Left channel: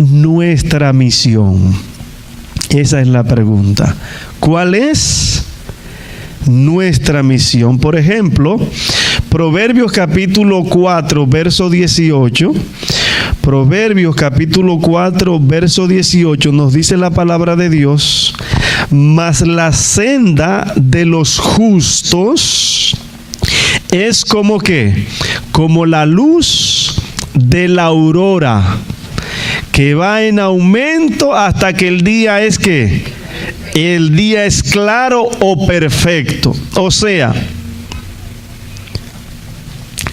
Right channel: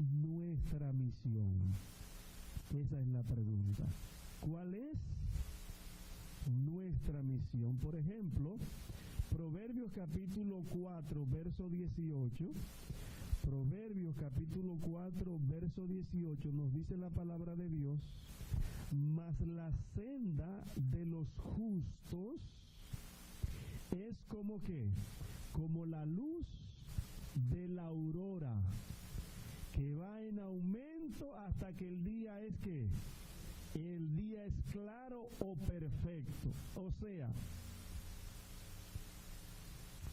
nuestra misión? Esa es la pregunta. ¿Cuál es nuestra misión? Por ejemplo, Proverbios capítulo 4, verso 18. Proverbios capítulo 4, verso 18 nos dice la palabra de Dios: mas la senda de los justos es como ¿qué? Como la luz de la aurora, que va en aumento hasta que el día es ¿qué? El día es claro o perfecto. O sea,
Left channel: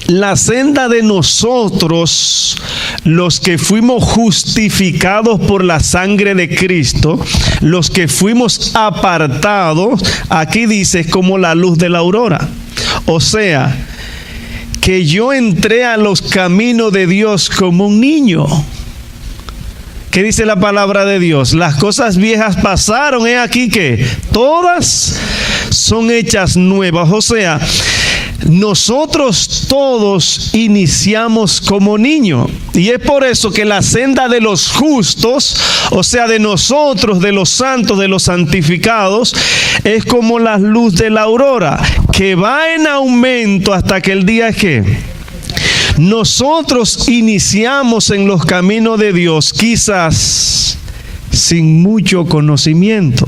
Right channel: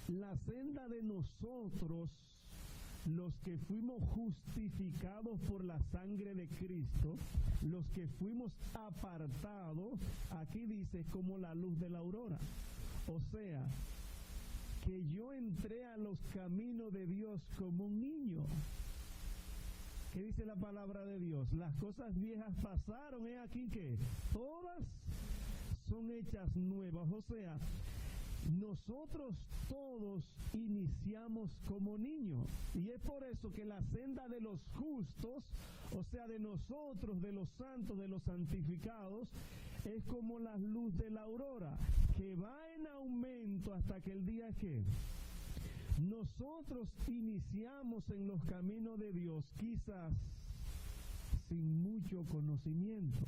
la senda de nosotros, los que fuimos justificados por la sangre de Cristo, los que fuimos apartados, aquí dice, es como la luz de la aurora. O sea, que yo entré a los caminos de Dios como un niño. ¿Qué dice la palabra de Dios? Las cosas viejas pasaron, he aquí que todas son hechas nuevas. O sea, nosotros todos iniciamos como niños. Y es por eso que la senda de los justos, o sea, de nosotros, de los santos, de los santificados, es como la luz de la aurora, que va en aumento hasta que el día es que nosotros iniciamos en los caminos de Dios, quizás sin mucho conocimiento.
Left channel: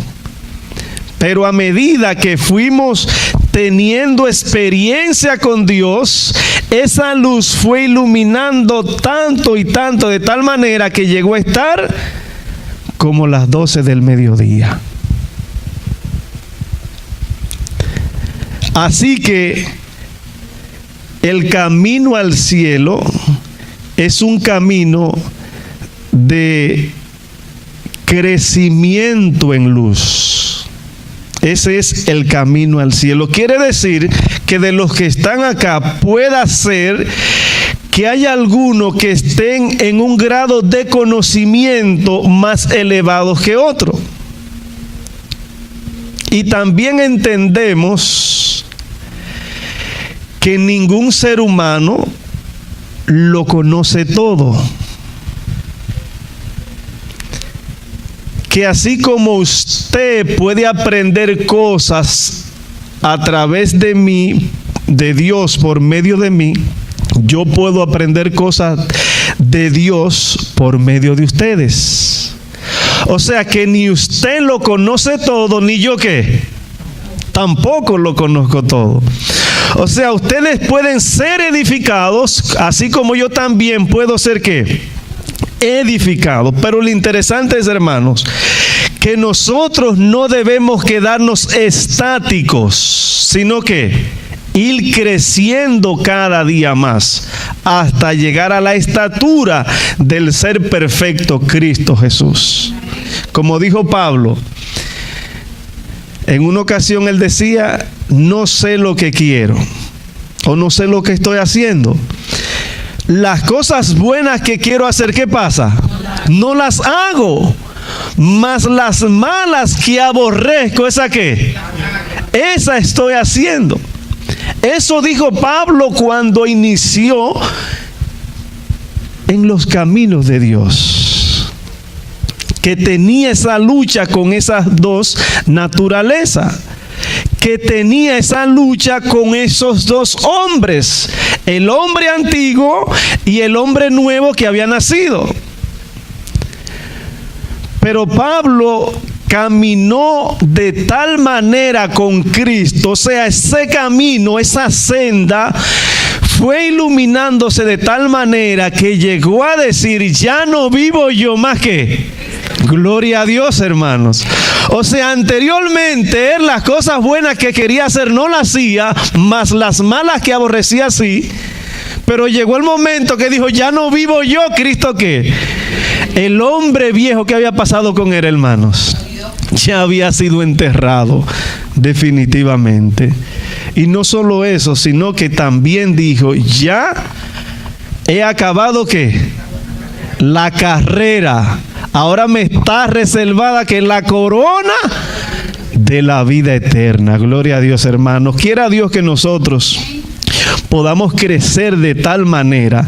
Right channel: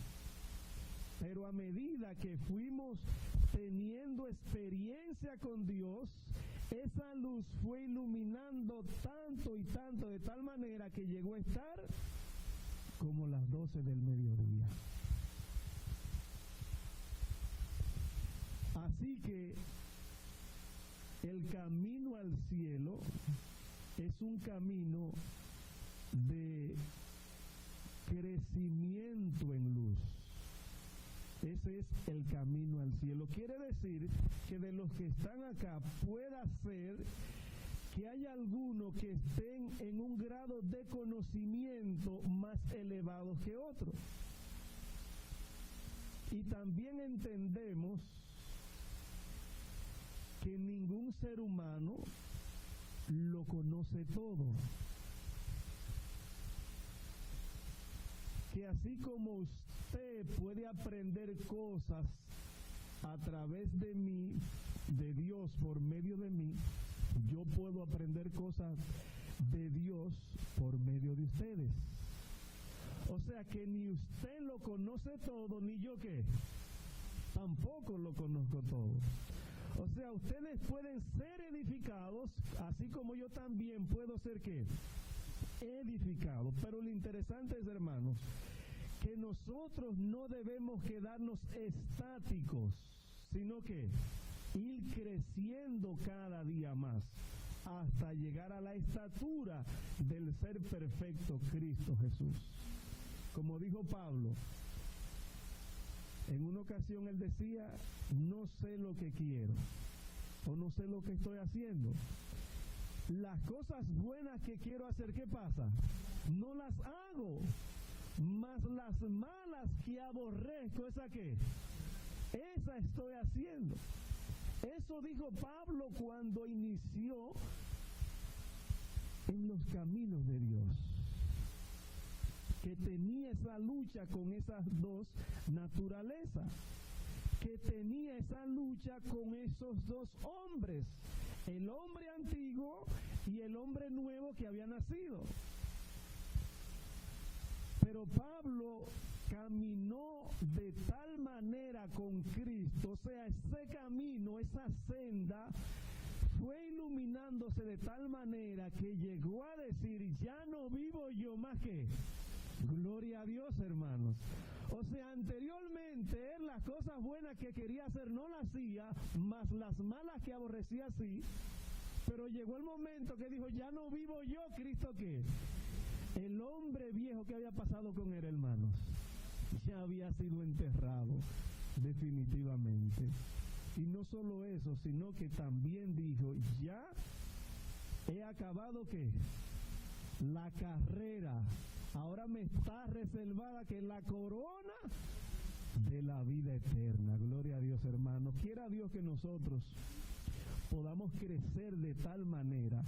Pero a medida que fuimos teniendo experiencia con Dios, esa luz fue iluminando tanto y tanto, de tal manera que llegó a estar como las 12 del mediodía. Así que el camino al cielo es un camino de crecimiento en luz. Ese es el camino al cielo. Quiere decir que de los que están acá pueda ser que haya algunos que estén en un grado de conocimiento más elevado que otro. Y también entendemos que ningún ser humano lo conoce todo. Que así como usted puede aprender cosas a través de mí, de Dios por medio de mí, yo puedo aprender cosas de Dios por medio de ustedes. O sea que ni usted lo conoce todo, ni yo ¿qué? Tampoco lo conozco todo. O sea, ustedes pueden ser edificados, así como yo también puedo ser ¿qué? Edificado. Pero lo interesante es, hermanos, que nosotros no debemos quedarnos estáticos, sino que ir creciendo cada día más hasta llegar a la estatura del ser perfecto Cristo Jesús. Como dijo Pablo, en una ocasión él decía: no sé lo que quiero, o no sé lo que estoy haciendo. Las cosas buenas que quiero hacer, ¿qué pasa? No las hago. Mas las malas que aborrezco, ¿esa qué? Esa estoy haciendo. Eso dijo Pablo cuando inició en los caminos de Dios, que tenía esa lucha con esas dos naturalezas, que tenía esa lucha con esos dos hombres, el hombre antiguo y el hombre nuevo que había nacido. Pero Pablo caminó de tal manera con Cristo, o sea, ese camino, esa senda fue iluminándose de tal manera que llegó a decir: ya no vivo yo más que... Gloria a Dios, hermanos. O sea, anteriormente las cosas buenas que quería hacer no las hacía, mas las malas que aborrecía sí. Pero llegó el momento que dijo: ya no vivo yo, Cristo ¿qué? El hombre viejo que había pasado con él, hermanos, ya había sido enterrado definitivamente. Y no solo eso, sino que también dijo: ya he acabado ¿qué? La carrera. Ahora me está reservada que la corona de la vida eterna. Gloria a Dios, hermanos. Quiera Dios que nosotros podamos crecer de tal manera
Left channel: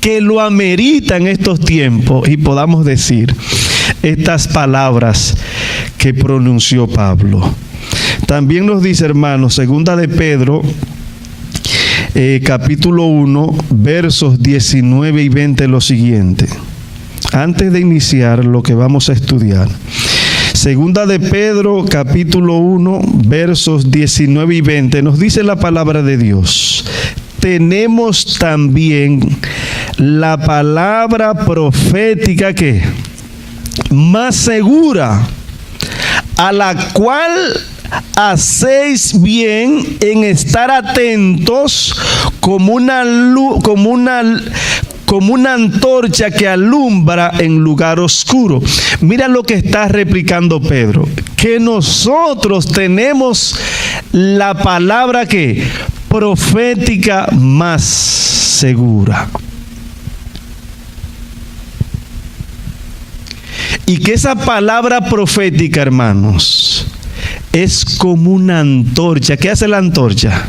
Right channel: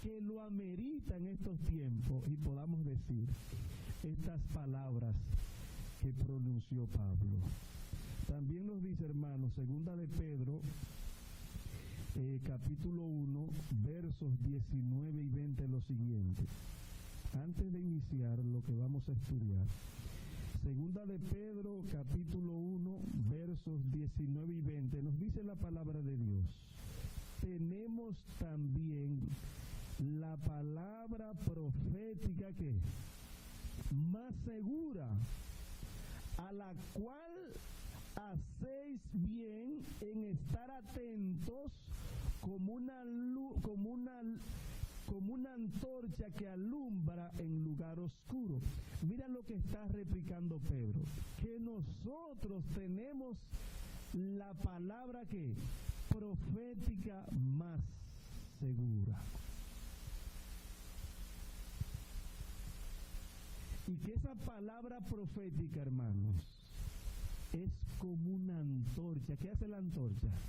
que lo amerita en estos tiempos y podamos decir estas palabras que pronunció Pablo. También nos dice, hermanos, segunda de Pedro, capítulo 1, versos 19 y 20, lo siguiente. Antes de iniciar lo que vamos a estudiar. Segunda de Pedro, capítulo 1, versos 19 y 20, nos dice la palabra de Dios. Tenemos también la palabra profética que más segura, a la cual hacéis bien en estar atentos como una antorcha que alumbra en lugar oscuro. Mira lo que está replicando Pedro, que nosotros tenemos la palabra que profética más segura. Y que esa palabra profética, hermanos, es como una antorcha. ¿Qué hace la antorcha?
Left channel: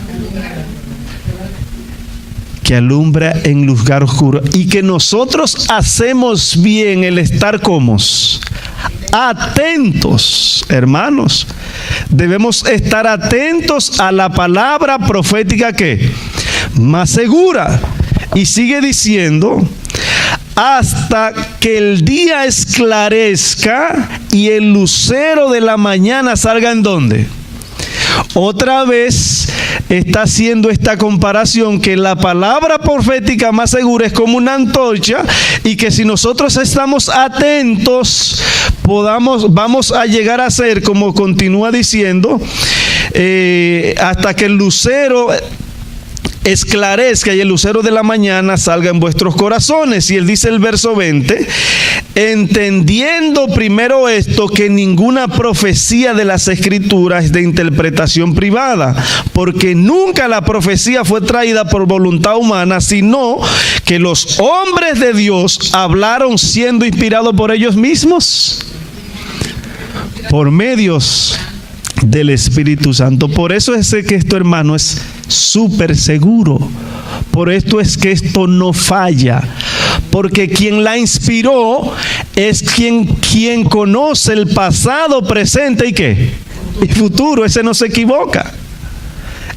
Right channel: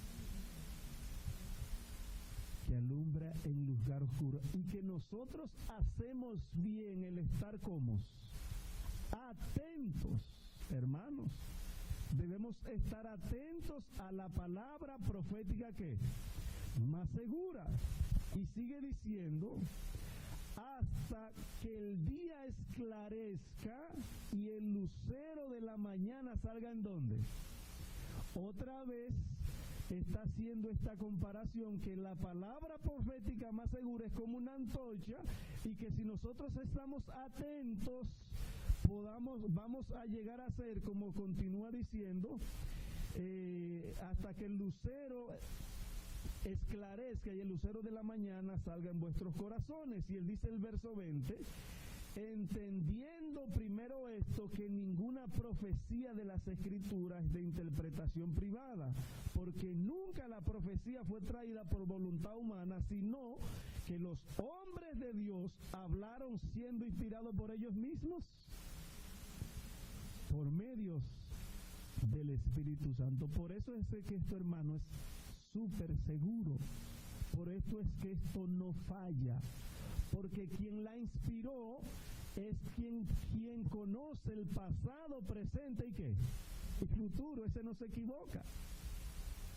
Que alumbra en lugar oscuro. Y que nosotros hacemos bien el estar como atentos, hermanos. Debemos estar atentos a la palabra profética que más segura. Y sigue diciendo, hasta que el día esclarezca y el lucero de la mañana salga ¿en dónde? Otra vez está haciendo esta comparación, que la palabra profética más segura es como una antorcha, y que si nosotros estamos atentos, vamos a llegar a ser, como continúa diciendo, hasta que el lucero esclarezca y el lucero de la mañana salga en vuestros corazones. Y él dice el verso 20, entendiendo primero esto, que ninguna profecía de las Escrituras es de interpretación privada, porque nunca la profecía fue traída por voluntad humana, sino que los hombres de Dios hablaron siendo inspirados por ellos mismos, por medios del Espíritu Santo. Por eso es que esto, hermano, es súper seguro. Por esto es que esto no falla, porque quien la inspiró es quien conoce el pasado, presente y ¿qué? Y futuro. Ese no se equivoca.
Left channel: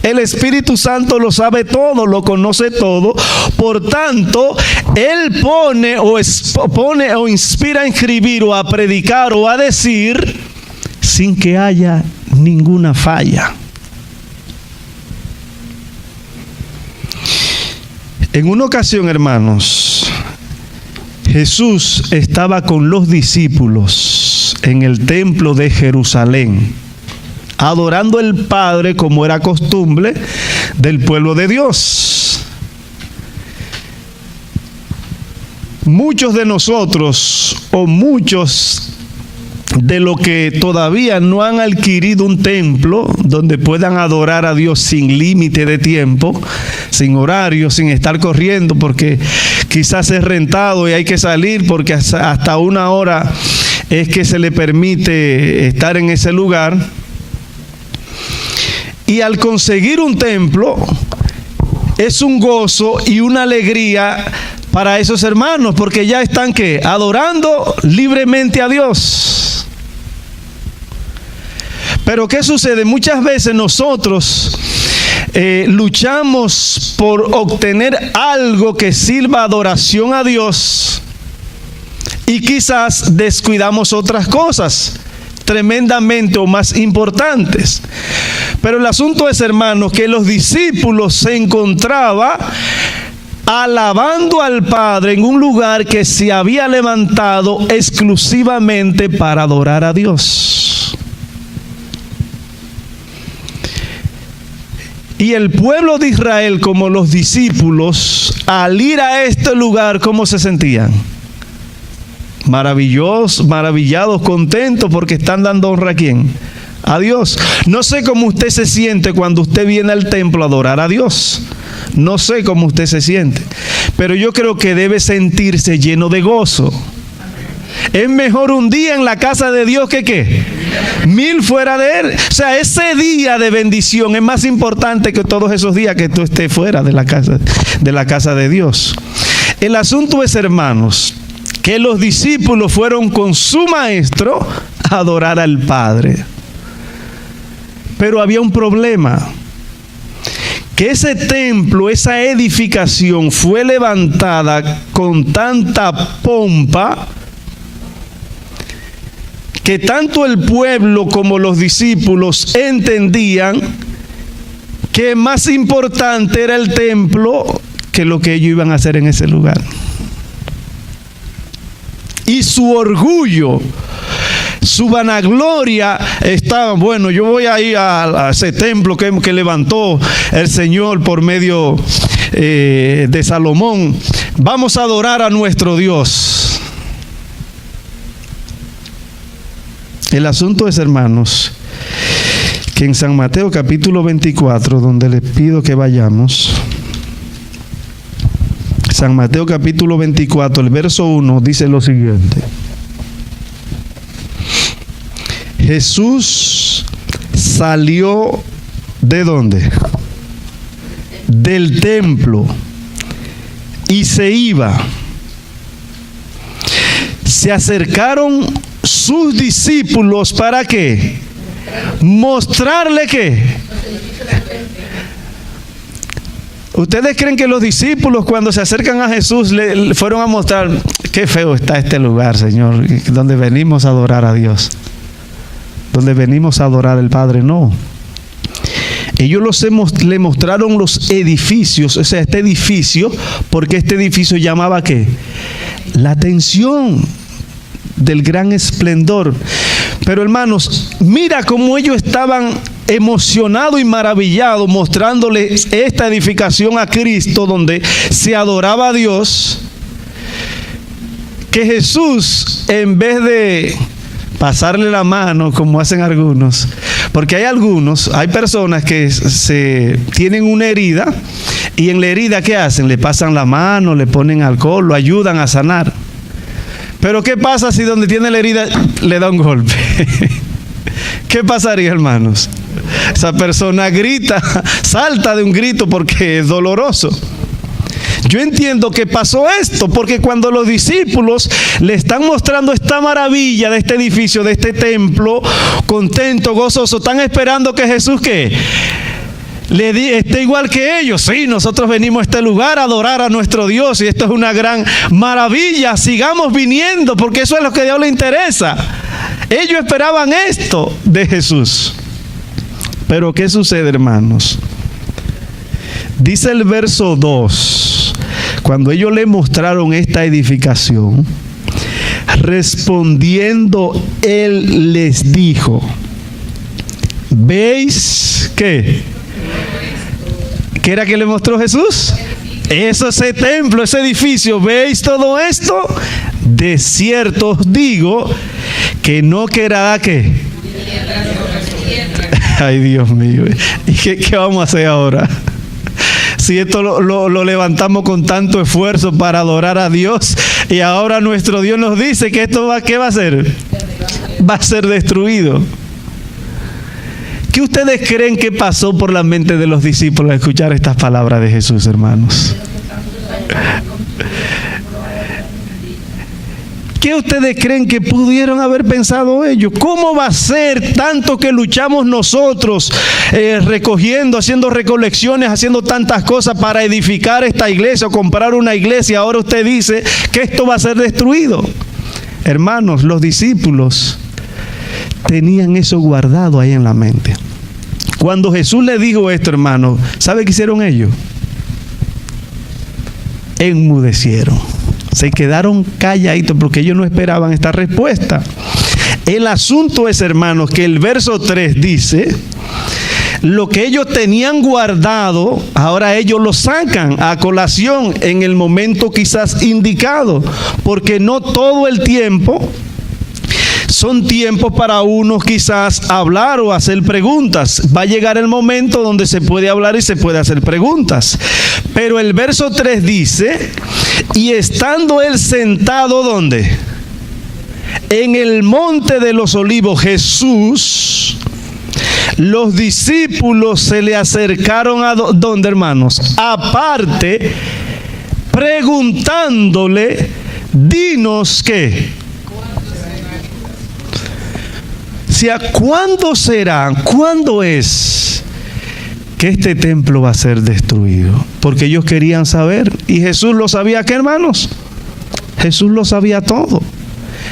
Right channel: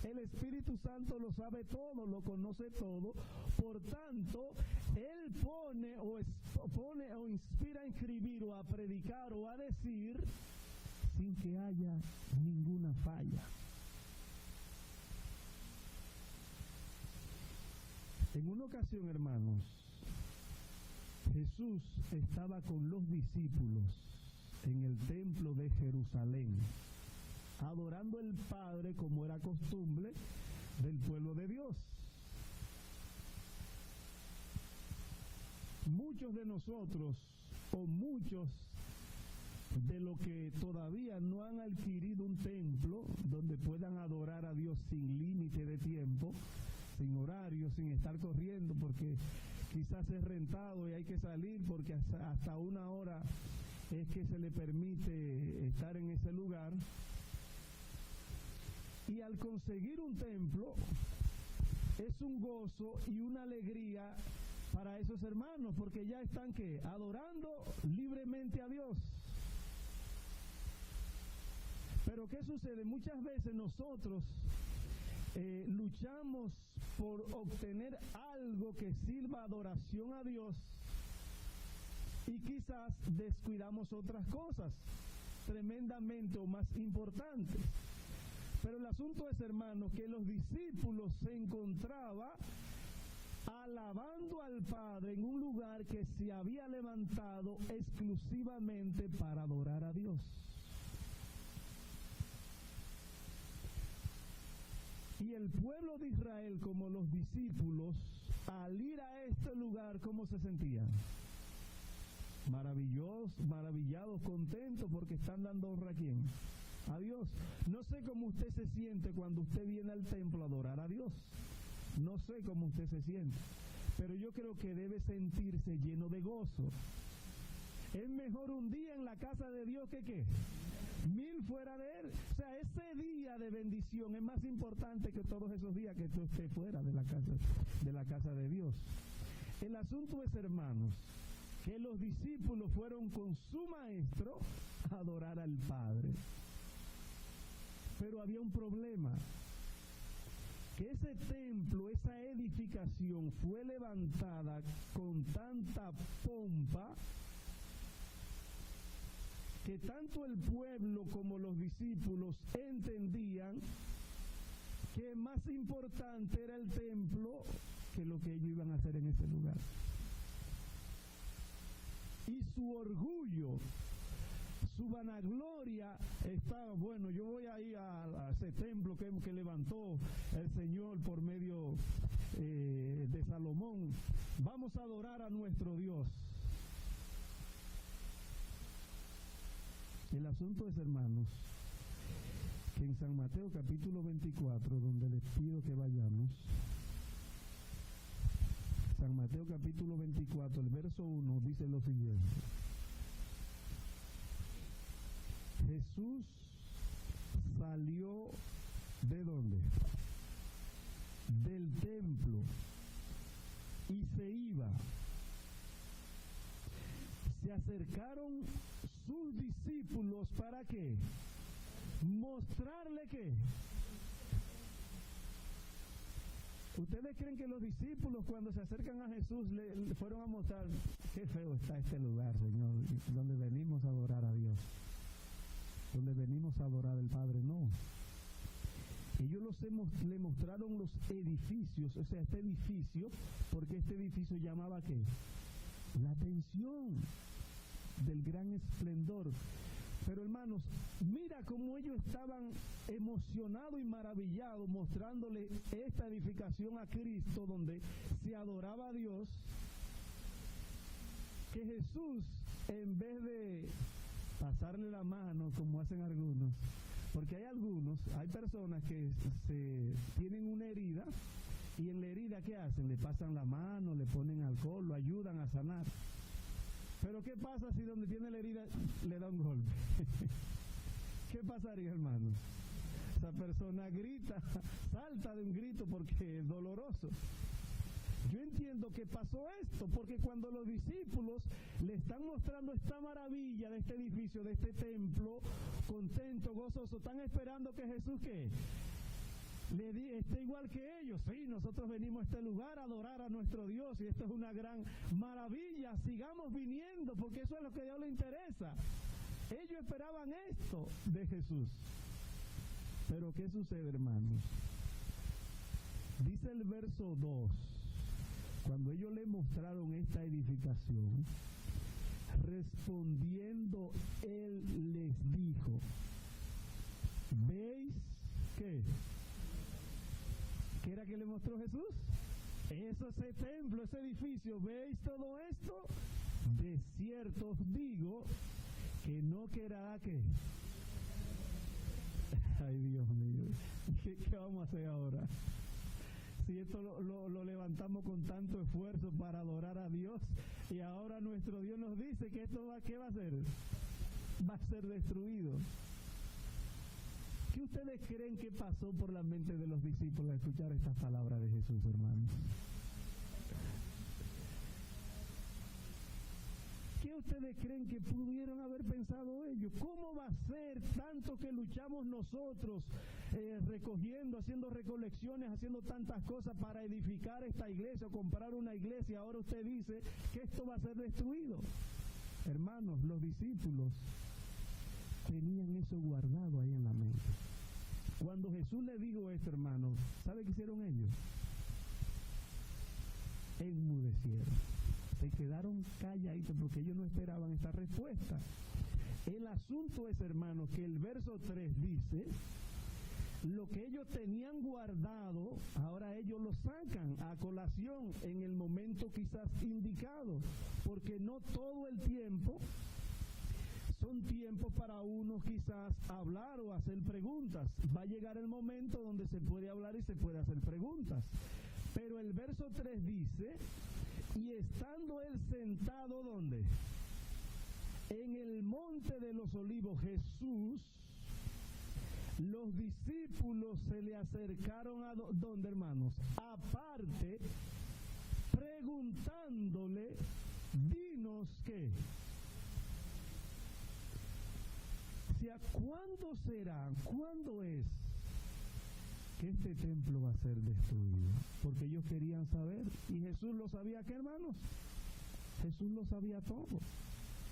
El Espíritu Santo lo sabe todo, lo conoce todo. Por tanto, Él pone o inspira a escribir o a predicar o a decir sin que haya ninguna falla. En una ocasión, hermanos, Jesús estaba con los discípulos en el templo de Jerusalén, adorando al Padre como era costumbre del pueblo de Dios. Muchos de nosotros, o muchos de los que todavía no han adquirido un templo donde puedan adorar a Dios sin límite de tiempo, sin horario, sin estar corriendo, porque quizás es rentado y hay que salir porque hasta una hora es que se le permite estar en ese lugar. Y al conseguir un templo es un gozo y una alegría para esos hermanos, porque ya están ¿qué? Adorando libremente a Dios. Pero ¿qué sucede? Muchas veces nosotros luchamos por obtener algo que sirva adoración a Dios, y quizás descuidamos otras cosas tremendamente o más importantes. Pero el asunto es, hermanos, que los discípulos se encontraban alabando al Padre en un lugar que se había levantado exclusivamente para adorar a Dios. Y el pueblo de Israel, como los discípulos, al ir a este lugar, ¿cómo se sentían? Maravillados, contentos, porque están dando honra ¿a quién? A Dios. No sé cómo usted se siente cuando usted viene al templo a adorar a Dios. No sé cómo usted se siente, pero yo creo que debe sentirse lleno de gozo. Es mejor un día en la casa de Dios que ¿qué? 1000 fuera de él. O sea, ese día de bendición es más importante que todos esos días que tú estés fuera de la casa de Dios. El asunto es, hermanos, que los discípulos fueron con su maestro a adorar al Padre. Pero había un problema. Que ese templo, esa edificación fue levantada con tanta pompa que tanto el pueblo como los discípulos entendían que más importante era el templo que lo que ellos iban a hacer en ese lugar. Y su orgullo, su vanagloria estaba, bueno, yo voy a ir a ese templo que levantó el Señor por medio de Salomón. Vamos a adorar a nuestro Dios. El asunto es, hermanos, que en San Mateo capítulo 24, donde les pido que vayamos, San Mateo capítulo 24, el verso 1 dice lo siguiente. Jesús salió ¿de dónde? Del templo y se iba. Se acercaron sus discípulos ¿para qué? Mostrarle ¿qué? ¿Ustedes creen que los discípulos cuando se acercan a Jesús le fueron a mostrar qué feo está este lugar, Señor, donde venimos a adorar a Dios, donde venimos a adorar al Padre? No. Ellos le mostraron los edificios, o sea, este edificio, porque este edificio llamaba ¿qué? La atención del gran esplendor. Pero hermanos, mira cómo ellos estaban emocionados y maravillados mostrándoles esta edificación a Cristo donde se adoraba a Dios, que Jesús, en vez de pasarle la mano como hacen algunos, porque hay personas que tienen una herida y en la herida ¿qué hacen? Le pasan la mano, le ponen alcohol, lo ayudan a sanar. Pero ¿qué pasa si donde tiene la herida le da un golpe? ¿Qué pasaría, hermanos? Esa persona grita, salta de un grito porque es doloroso. Yo entiendo que pasó esto porque cuando los discípulos le están mostrando esta maravilla de este edificio, de este templo, contento, gozoso, están esperando que Jesús ¿qué? Esté igual que ellos. Sí, nosotros venimos a este lugar a adorar a nuestro Dios y esto es una gran maravilla, sigamos viniendo porque eso es lo que a Dios le interesa. Ellos esperaban esto de Jesús. Pero ¿qué sucede, hermanos? Dice el verso 2, cuando ellos le mostraron esta edificación, respondiendo él les dijo, ¿veis qué? ¿Qué era que le mostró Jesús? Eso, ese templo, ese edificio, ¿veis todo esto? De cierto os digo que no quedará ¿qué? Ay, Dios mío. ¿Y qué vamos a hacer ahora? Si esto lo levantamos con tanto esfuerzo para adorar a Dios y ahora nuestro Dios nos dice que esto ¿qué va a ser? Va a ser destruido. ¿Qué ustedes creen que pasó por la mente de los discípulos al escuchar estas palabras de Jesús, hermanos? ¿Qué ustedes creen que pudieron haber pensado ellos? ¿Cómo va a ser tanto que luchamos nosotros recogiendo, haciendo recolecciones, haciendo tantas cosas para edificar esta iglesia o comprar una iglesia? Ahora usted dice que esto va a ser destruido. Hermanos, los discípulos tenían eso guardado ahí en la mente. Cuando Jesús le dijo esto, hermanos, ¿sabe qué hicieron ellos? Enmudecieron. Se quedaron calladitos porque ellos no esperaban esta respuesta. El asunto es, hermanos, que el verso 3 dice, lo que ellos tenían guardado, ahora ellos lo sacan a colación en el momento quizás indicado, porque no todo el tiempo son tiempos para unos quizás hablar o hacer preguntas. Va a llegar el momento donde se puede hablar y se puede hacer preguntas. Pero el verso 3 dice, y estando él sentado, ¿dónde? en el monte de los olivos, Jesús, los discípulos se le acercaron a ¿dónde, hermanos? Aparte, preguntándole, dinos qué. O sea, ¿cuándo será? ¿Cuándo es que este templo va a ser destruido? Porque ellos querían saber. Y Jesús lo sabía, ¿qué, hermanos? Jesús lo sabía todo.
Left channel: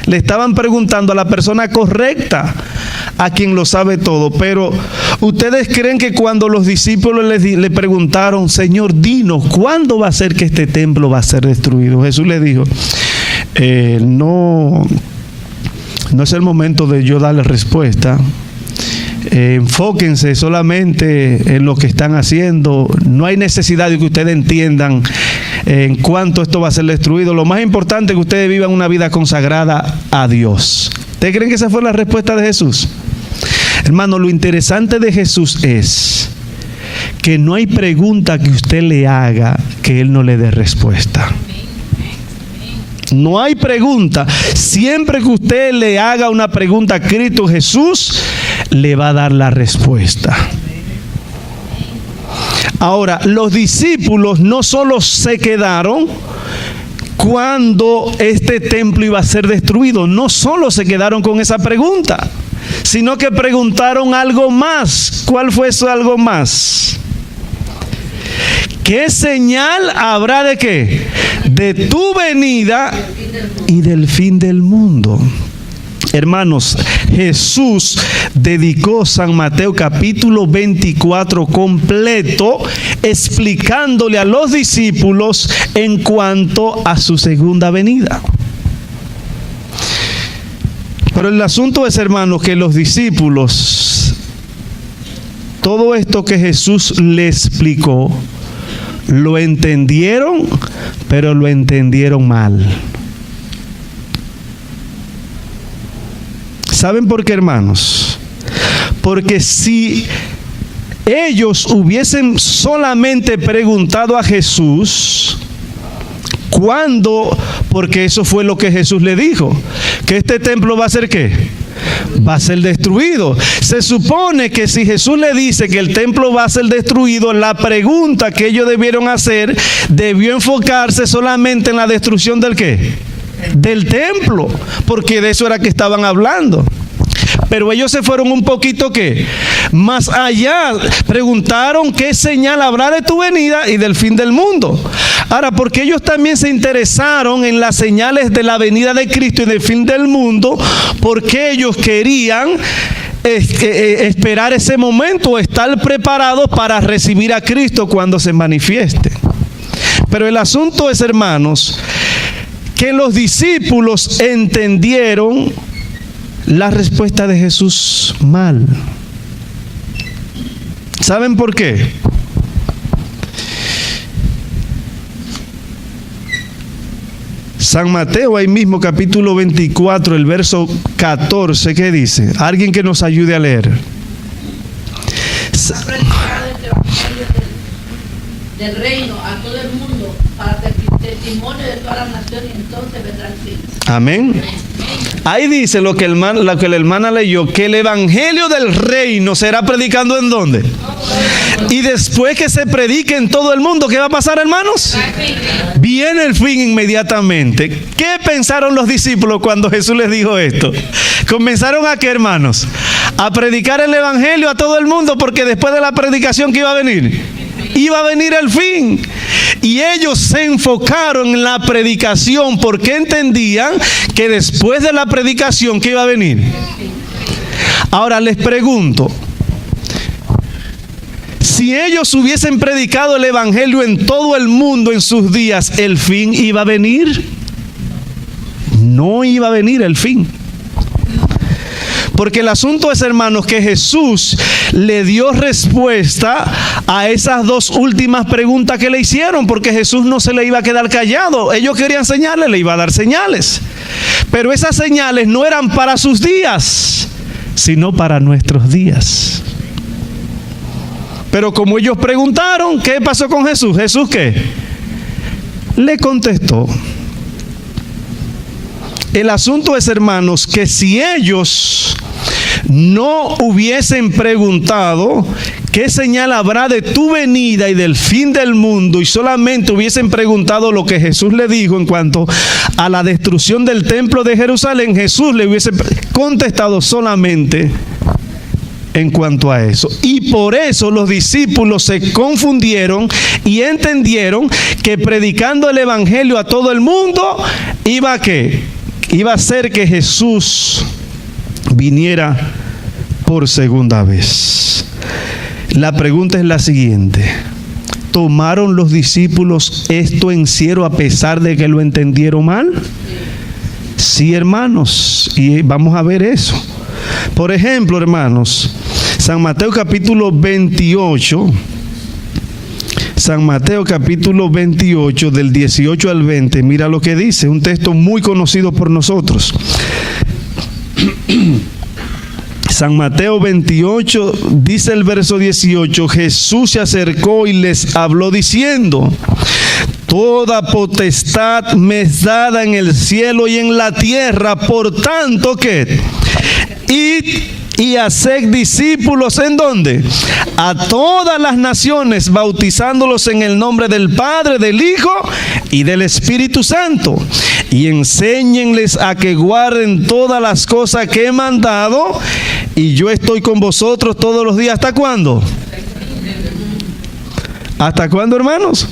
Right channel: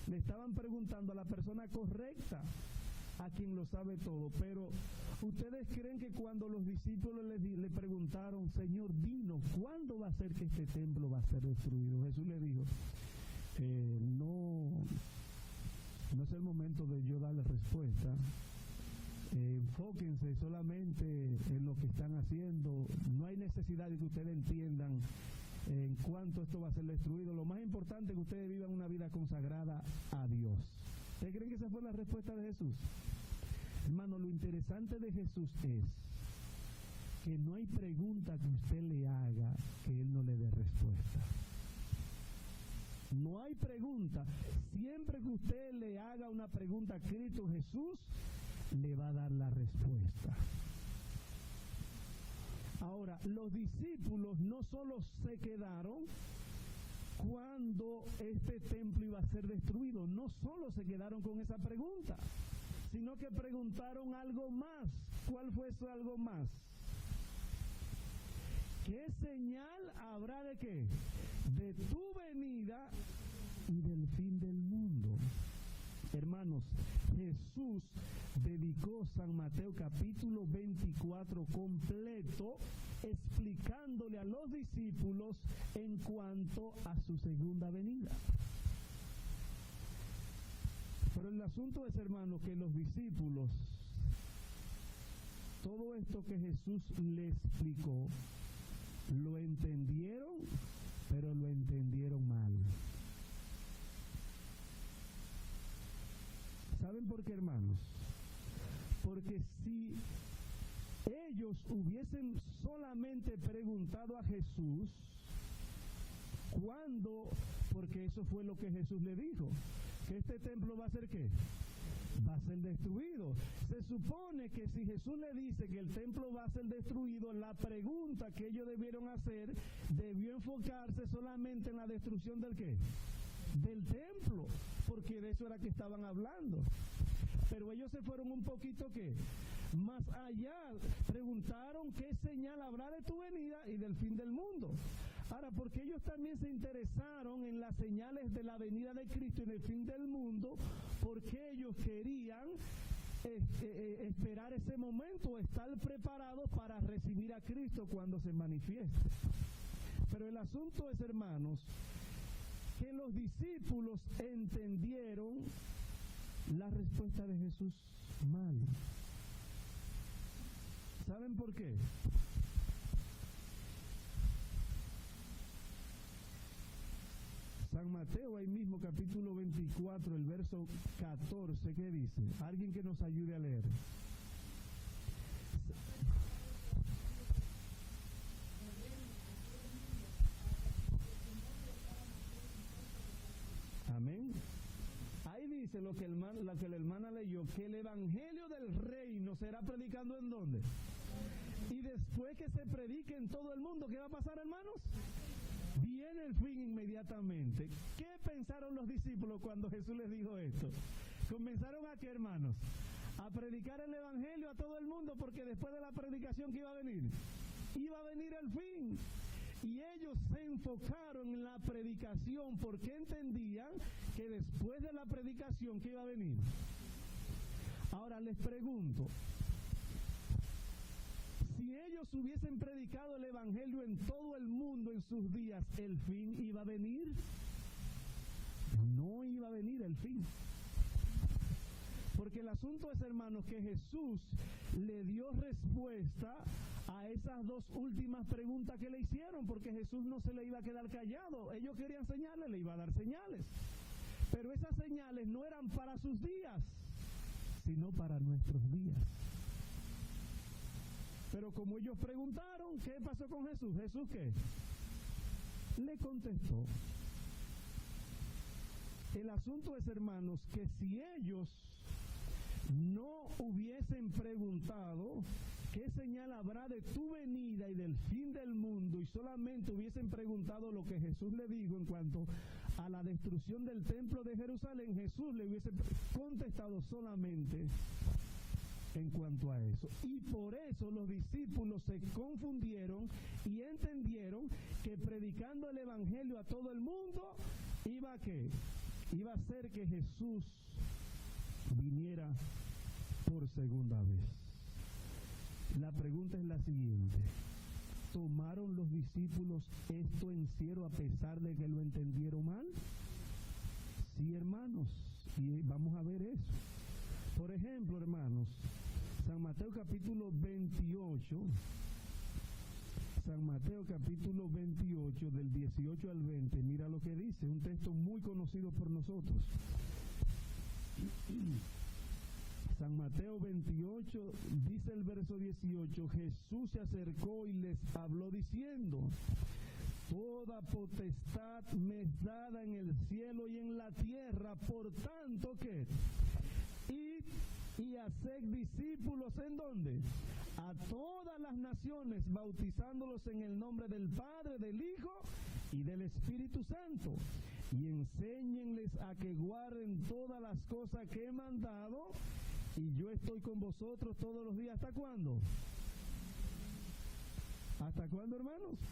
Le estaban preguntando a la persona correcta, a quien lo sabe todo. Pero ¿ustedes creen que cuando los discípulos le preguntaron, Señor, dinos, ¿cuándo va a ser que este templo va a ser destruido? Jesús les dijo, no es el momento de yo darle respuesta. Enfóquense solamente en lo que están haciendo. No hay necesidad de que ustedes entiendan en cuánto esto va a ser destruido. Lo más importante es que ustedes vivan una vida consagrada a Dios. ¿Ustedes creen que esa fue la respuesta de Jesús? Hermano, lo interesante de Jesús es que no hay pregunta que usted le haga que Él no le dé respuesta. No hay pregunta. Siempre que usted le haga una pregunta a Cristo Jesús, le va a dar la respuesta. Ahora, los discípulos no solo se quedaron cuando este templo iba a ser destruido, no solo se quedaron con esa pregunta, sino que preguntaron algo más. ¿Cuál fue eso algo más? ¿Qué señal habrá de qué? De tu venida y del fin del mundo. Hermanos, Jesús dedicó San Mateo capítulo 24 completo explicándole a los discípulos en cuanto a su segunda venida. Pero el asunto es, hermanos, que los discípulos, todo esto que Jesús les explicó, lo entendieron, pero lo entendieron mal. ¿Saben por qué, hermanos? Porque si ellos hubiesen solamente preguntado a Jesús, ¿cuándo? Porque eso fue lo que Jesús le dijo, que este templo va a ser ¿qué? Va a ser destruido. Se supone que si Jesús le dice que el templo va a ser destruido, la pregunta que ellos debieron hacer debió enfocarse solamente en la destrucción del ¿qué? Del templo, porque de eso era que estaban hablando. Pero ellos se fueron un poquito ¿qué? Más allá. Preguntaron qué señal habrá de tu venida y del fin del mundo. Ahora, porque ellos también se interesaron en las señales de la venida de Cristo y del fin del mundo, porque ellos querían esperar ese momento, estar preparados para recibir a Cristo cuando se manifieste. Pero el asunto es, hermanos, que los discípulos entendieron la respuesta de Jesús mal. ¿Saben por qué? San Mateo, ahí mismo, capítulo 24, el verso 14, ¿qué dice? Alguien que nos ayude a leer. Del reino a todo el mundo para testimonio de todas las naciones, entonces vendrá el fin. Amén. Ahí dice lo que la hermana leyó, que el evangelio del reino será predicando ¿en dónde? Y después que se predique en todo el mundo, ¿qué va a pasar, hermanos? Viene el fin inmediatamente. ¿Qué pensaron los discípulos cuando Jesús les dijo esto? Comenzaron a ¿qué, hermanos? A predicar el evangelio a todo el mundo, porque después de la predicación, ¿qué iba a venir? Iba a venir el fin. Y ellos se enfocaron en la predicación porque entendían que después de la predicación, ¿qué iba a venir? Ahora les pregunto, si ellos hubiesen predicado el evangelio en todo el mundo en sus días, ¿el fin iba a venir? No iba a venir el fin. Porque el asunto es, hermanos, que Jesús le dio respuesta a esas dos últimas preguntas que le hicieron, porque Jesús no se le iba a quedar callado. Ellos querían señales, le iba a dar señales. Pero esas señales no eran para sus días, sino para nuestros días. Pero como ellos preguntaron, ¿qué pasó con Jesús? ¿Jesús qué? Le contestó. el asunto es, hermanos, que si ellos no hubiesen preguntado qué señal habrá de tu venida y del fin del mundo, y solamente hubiesen preguntado lo que Jesús le dijo en cuanto a la destrucción del templo de Jerusalén, Jesús le hubiese contestado solamente en cuanto a eso. Y por eso los discípulos se confundieron y entendieron que predicando el evangelio a todo el mundo iba a ¿qué? Iba a ser que Jesús viniera por segunda vez. La pregunta es la siguiente: ¿tomaron los discípulos esto en serio a pesar de que lo entendieron mal? Sí, hermanos, y vamos a ver eso. Por ejemplo, hermanos, San Mateo capítulo 28, San Mateo capítulo 28 del 18 al 20, mira lo que dice, un texto muy conocido por nosotros. San Mateo 28, dice el verso 18, Jesús se acercó y les habló diciendo: toda potestad me es dada en el cielo y en la tierra, por tanto que id y haced discípulos, ¿en dónde? A todas las naciones, bautizándolos en el nombre del Padre, del Hijo y del Espíritu Santo, y enséñenles a que guarden todas las cosas que he mandado, y yo estoy con vosotros todos los días. ¿Hasta cuándo? ¿Hasta cuándo, hermanos?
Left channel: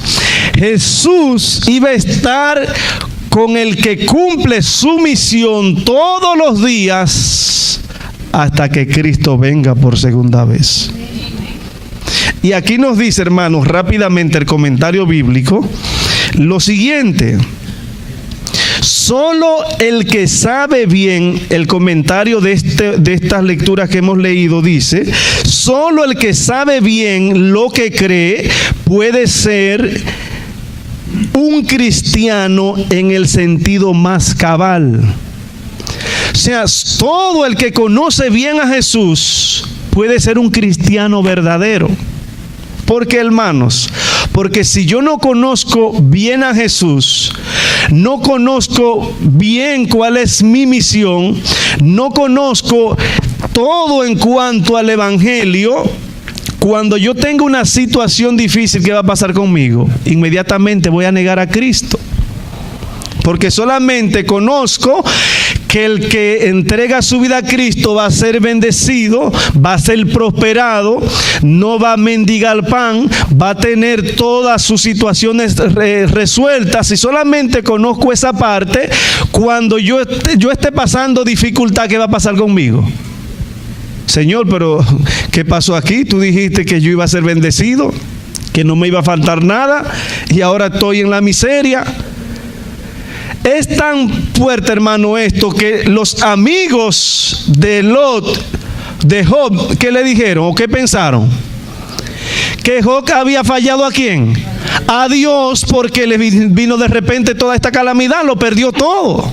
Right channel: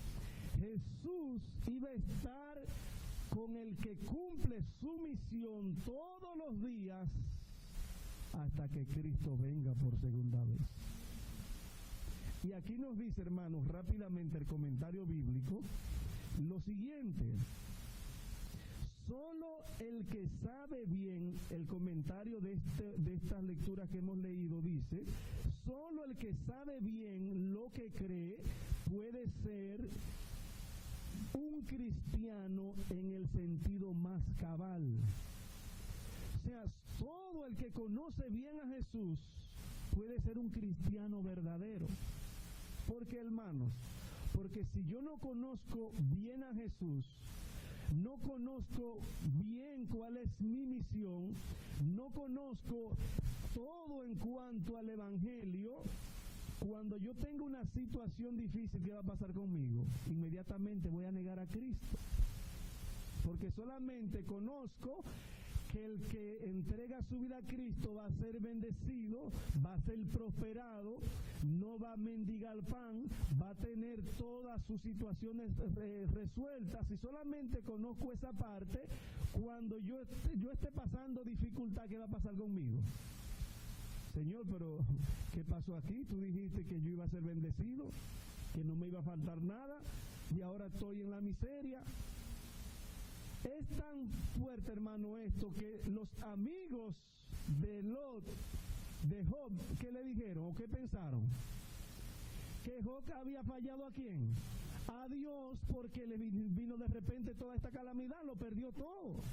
Jesús iba a estar con el que cumple su misión todos los días hasta que Cristo venga por segunda vez. Y aquí nos dice, hermanos, rápidamente el comentario bíblico, lo siguiente: solo el que sabe bien, el comentario de estas lecturas que hemos leído dice, solo el que sabe bien lo que cree puede ser un cristiano en el sentido más cabal. O sea, todo el que conoce bien a Jesús puede ser un cristiano verdadero. ¿Por qué, hermanos? Porque si yo no conozco bien a Jesús, no conozco bien cuál es mi misión, no conozco todo en cuanto al evangelio, cuando yo tengo una situación difícil, ¿qué va a pasar conmigo? Inmediatamente voy a negar a Cristo. Porque solamente conozco que el que entrega su vida a Cristo va a ser bendecido, va a ser prosperado, no va a mendigar pan, va a tener todas sus situaciones resueltas. Y solamente conozco esa parte, cuando yo esté pasando dificultad, ¿qué va a pasar conmigo? Señor, pero ¿qué pasó aquí? Tú dijiste que yo iba a ser bendecido, que no me iba a faltar nada, y ahora estoy en la miseria. Es tan fuerte, hermano, esto, que los amigos de Lot, de Job, ¿qué le dijeron o qué pensaron? Que Job había fallado ¿a quién? A Dios, porque le vino de repente toda esta calamidad, lo perdió todo.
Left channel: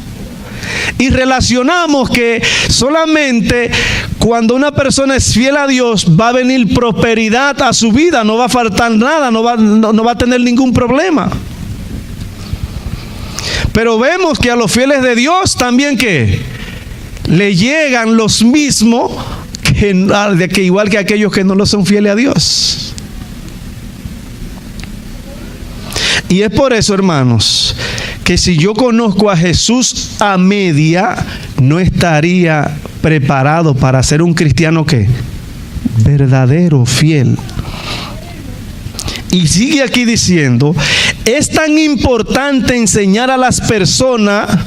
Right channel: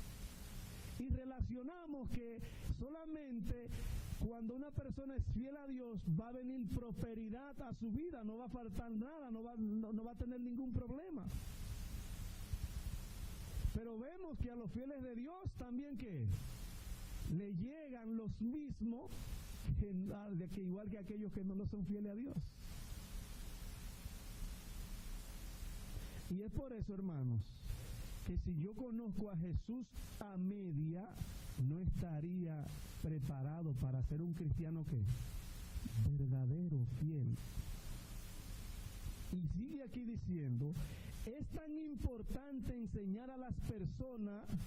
Y relacionamos que solamente cuando una persona es fiel a Dios va a venir prosperidad a su vida, no va a faltar nada, no va a tener ningún problema. Pero vemos que a los fieles de Dios también que le llegan los mismos que igual que aquellos que no lo son fieles a Dios. Y es por eso, hermanos, que si yo conozco a Jesús a media, no estaría preparado para ser un cristiano ¿qué? Verdadero, fiel. Y sigue aquí diciendo, es tan importante enseñar a las personas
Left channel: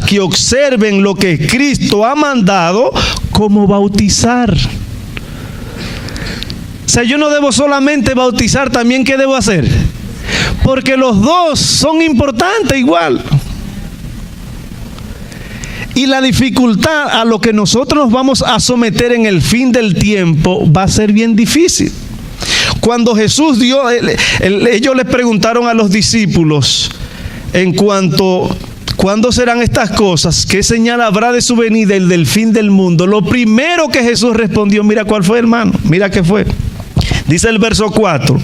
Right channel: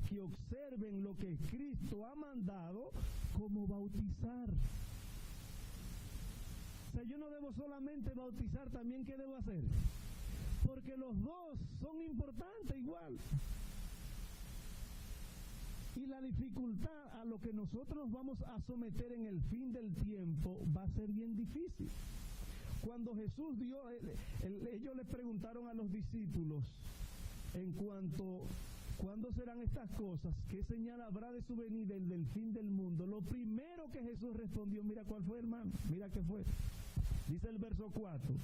que observen lo que Cristo ha mandado, como bautizar. O sea, yo no debo solamente bautizar, también ¿qué debo hacer? Porque los dos son importantes igual. Y la dificultad a lo que nosotros nos vamos a someter en el fin del tiempo va a ser bien difícil. Cuando Jesús ellos les preguntaron a los discípulos en cuanto ¿cuándo serán estas cosas? ¿Qué señal habrá de su venida y del fin del mundo? Lo primero que Jesús respondió, mira cuál fue, hermano, mira qué fue. Dice el verso 4,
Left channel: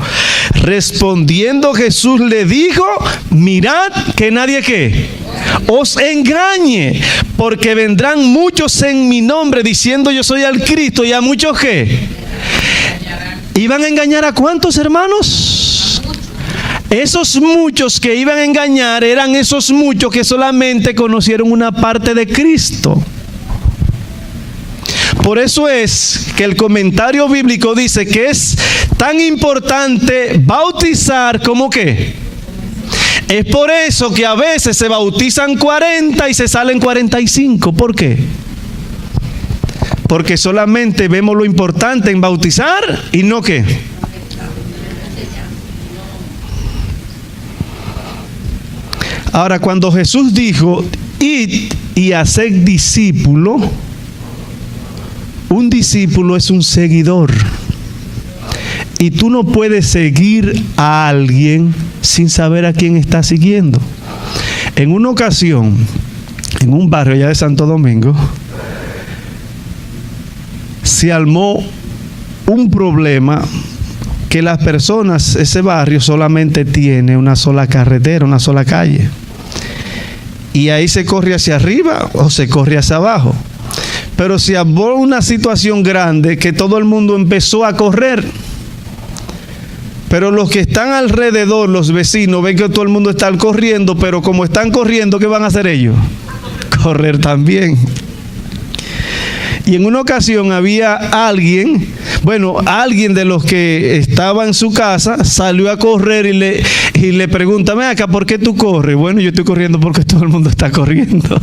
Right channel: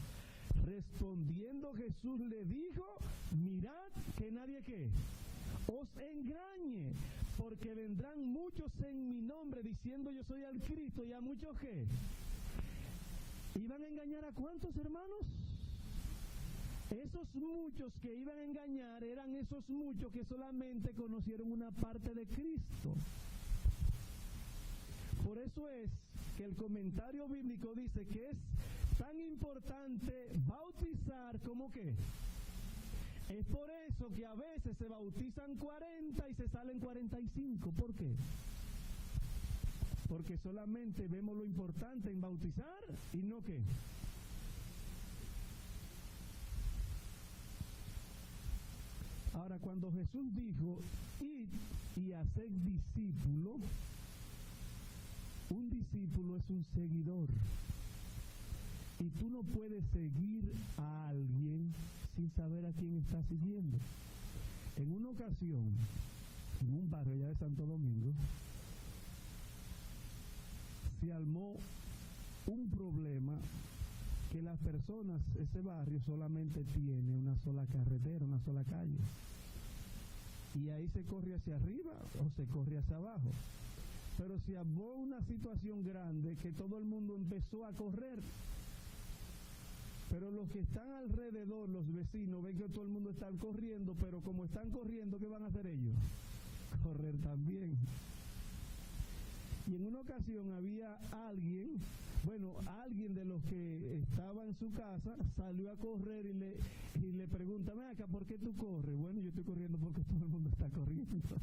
respondiendo Jesús le dijo, mirad que nadie ¿qué? os engañe, porque vendrán muchos en mi nombre diciendo yo soy el Cristo, y a muchos ¿qué? ¿Iban a engañar a cuántos, hermanos? Esos muchos que iban a engañar eran esos muchos que solamente conocieron una parte de Cristo. Por eso es que el comentario bíblico dice que es tan importante bautizar como ¿qué? Es por eso que a veces se bautizan 40 y se salen 45. ¿Por qué? Porque solamente vemos lo importante en bautizar y no ¿qué? Ahora, cuando Jesús dijo, id y haced discípulo, un discípulo es un seguidor. Y tú no puedes seguir a alguien sin saber a quién está siguiendo. En una ocasión, en un barrio allá de Santo Domingo, se armó un problema que las personas, ese barrio solamente tiene una sola carretera, una sola calle. Y ahí se corre hacia arriba o se corre hacia abajo. Pero se armó una situación grande que todo el mundo empezó a correr. Pero los que están alrededor, los vecinos, ven que todo el mundo está corriendo, pero como están corriendo, ¿qué van a hacer ellos? Correr también. Y en una ocasión había alguien de los que estaba en su casa, salió a correr y le pregunta, ven acá, ¿por qué tú corres? Bueno, yo estoy corriendo porque todo el mundo está corriendo.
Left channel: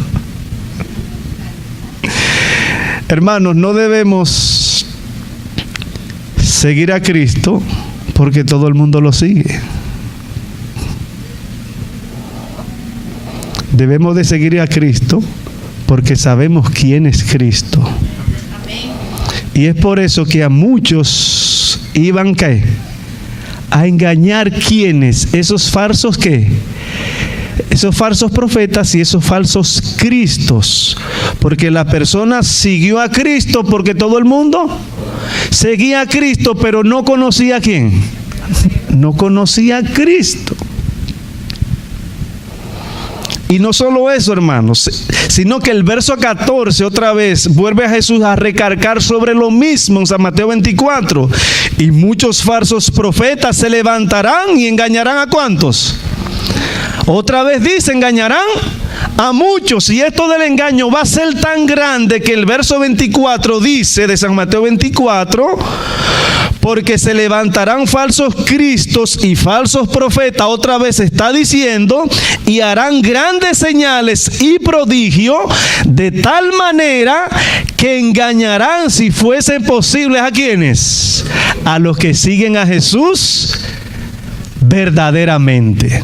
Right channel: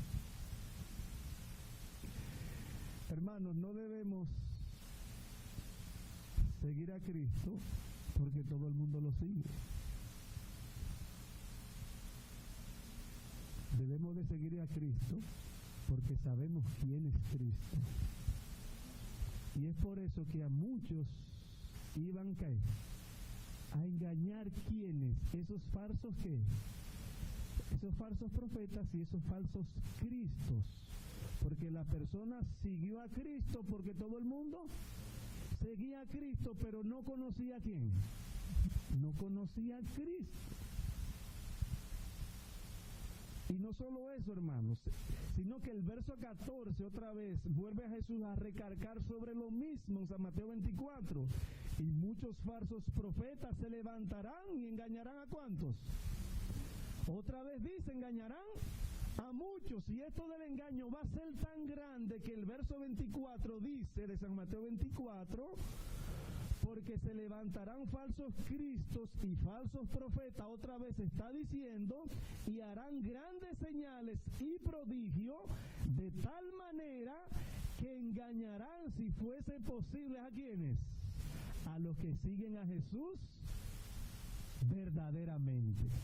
Hermanos, no debemos seguir a Cristo porque todo el mundo lo sigue. Debemos de seguir a Cristo porque sabemos quién es Cristo. Y es por eso que a muchos iban ¿qué? A engañar ¿quiénes? Esos falsos ¿qué? Esos falsos profetas y esos falsos cristos. Porque la persona siguió a Cristo porque todo el mundo seguía a Cristo, pero no conocía a quién. No conocía a Cristo. Y no solo eso, hermanos, sino que el verso 14 otra vez vuelve a Jesús a recargar sobre lo mismo en San Mateo 24. Y muchos falsos profetas se levantarán y engañarán ¿a cuántos? Otra vez dice, engañarán a muchos. Y esto del engaño va a ser tan grande que el verso 24 dice de San Mateo 24, porque se levantarán falsos cristos y falsos profetas, otra vez está diciendo, y harán grandes señales y prodigios, de tal manera que engañarán, si fuese posible, ¿a quiénes? A los que siguen a Jesús verdaderamente.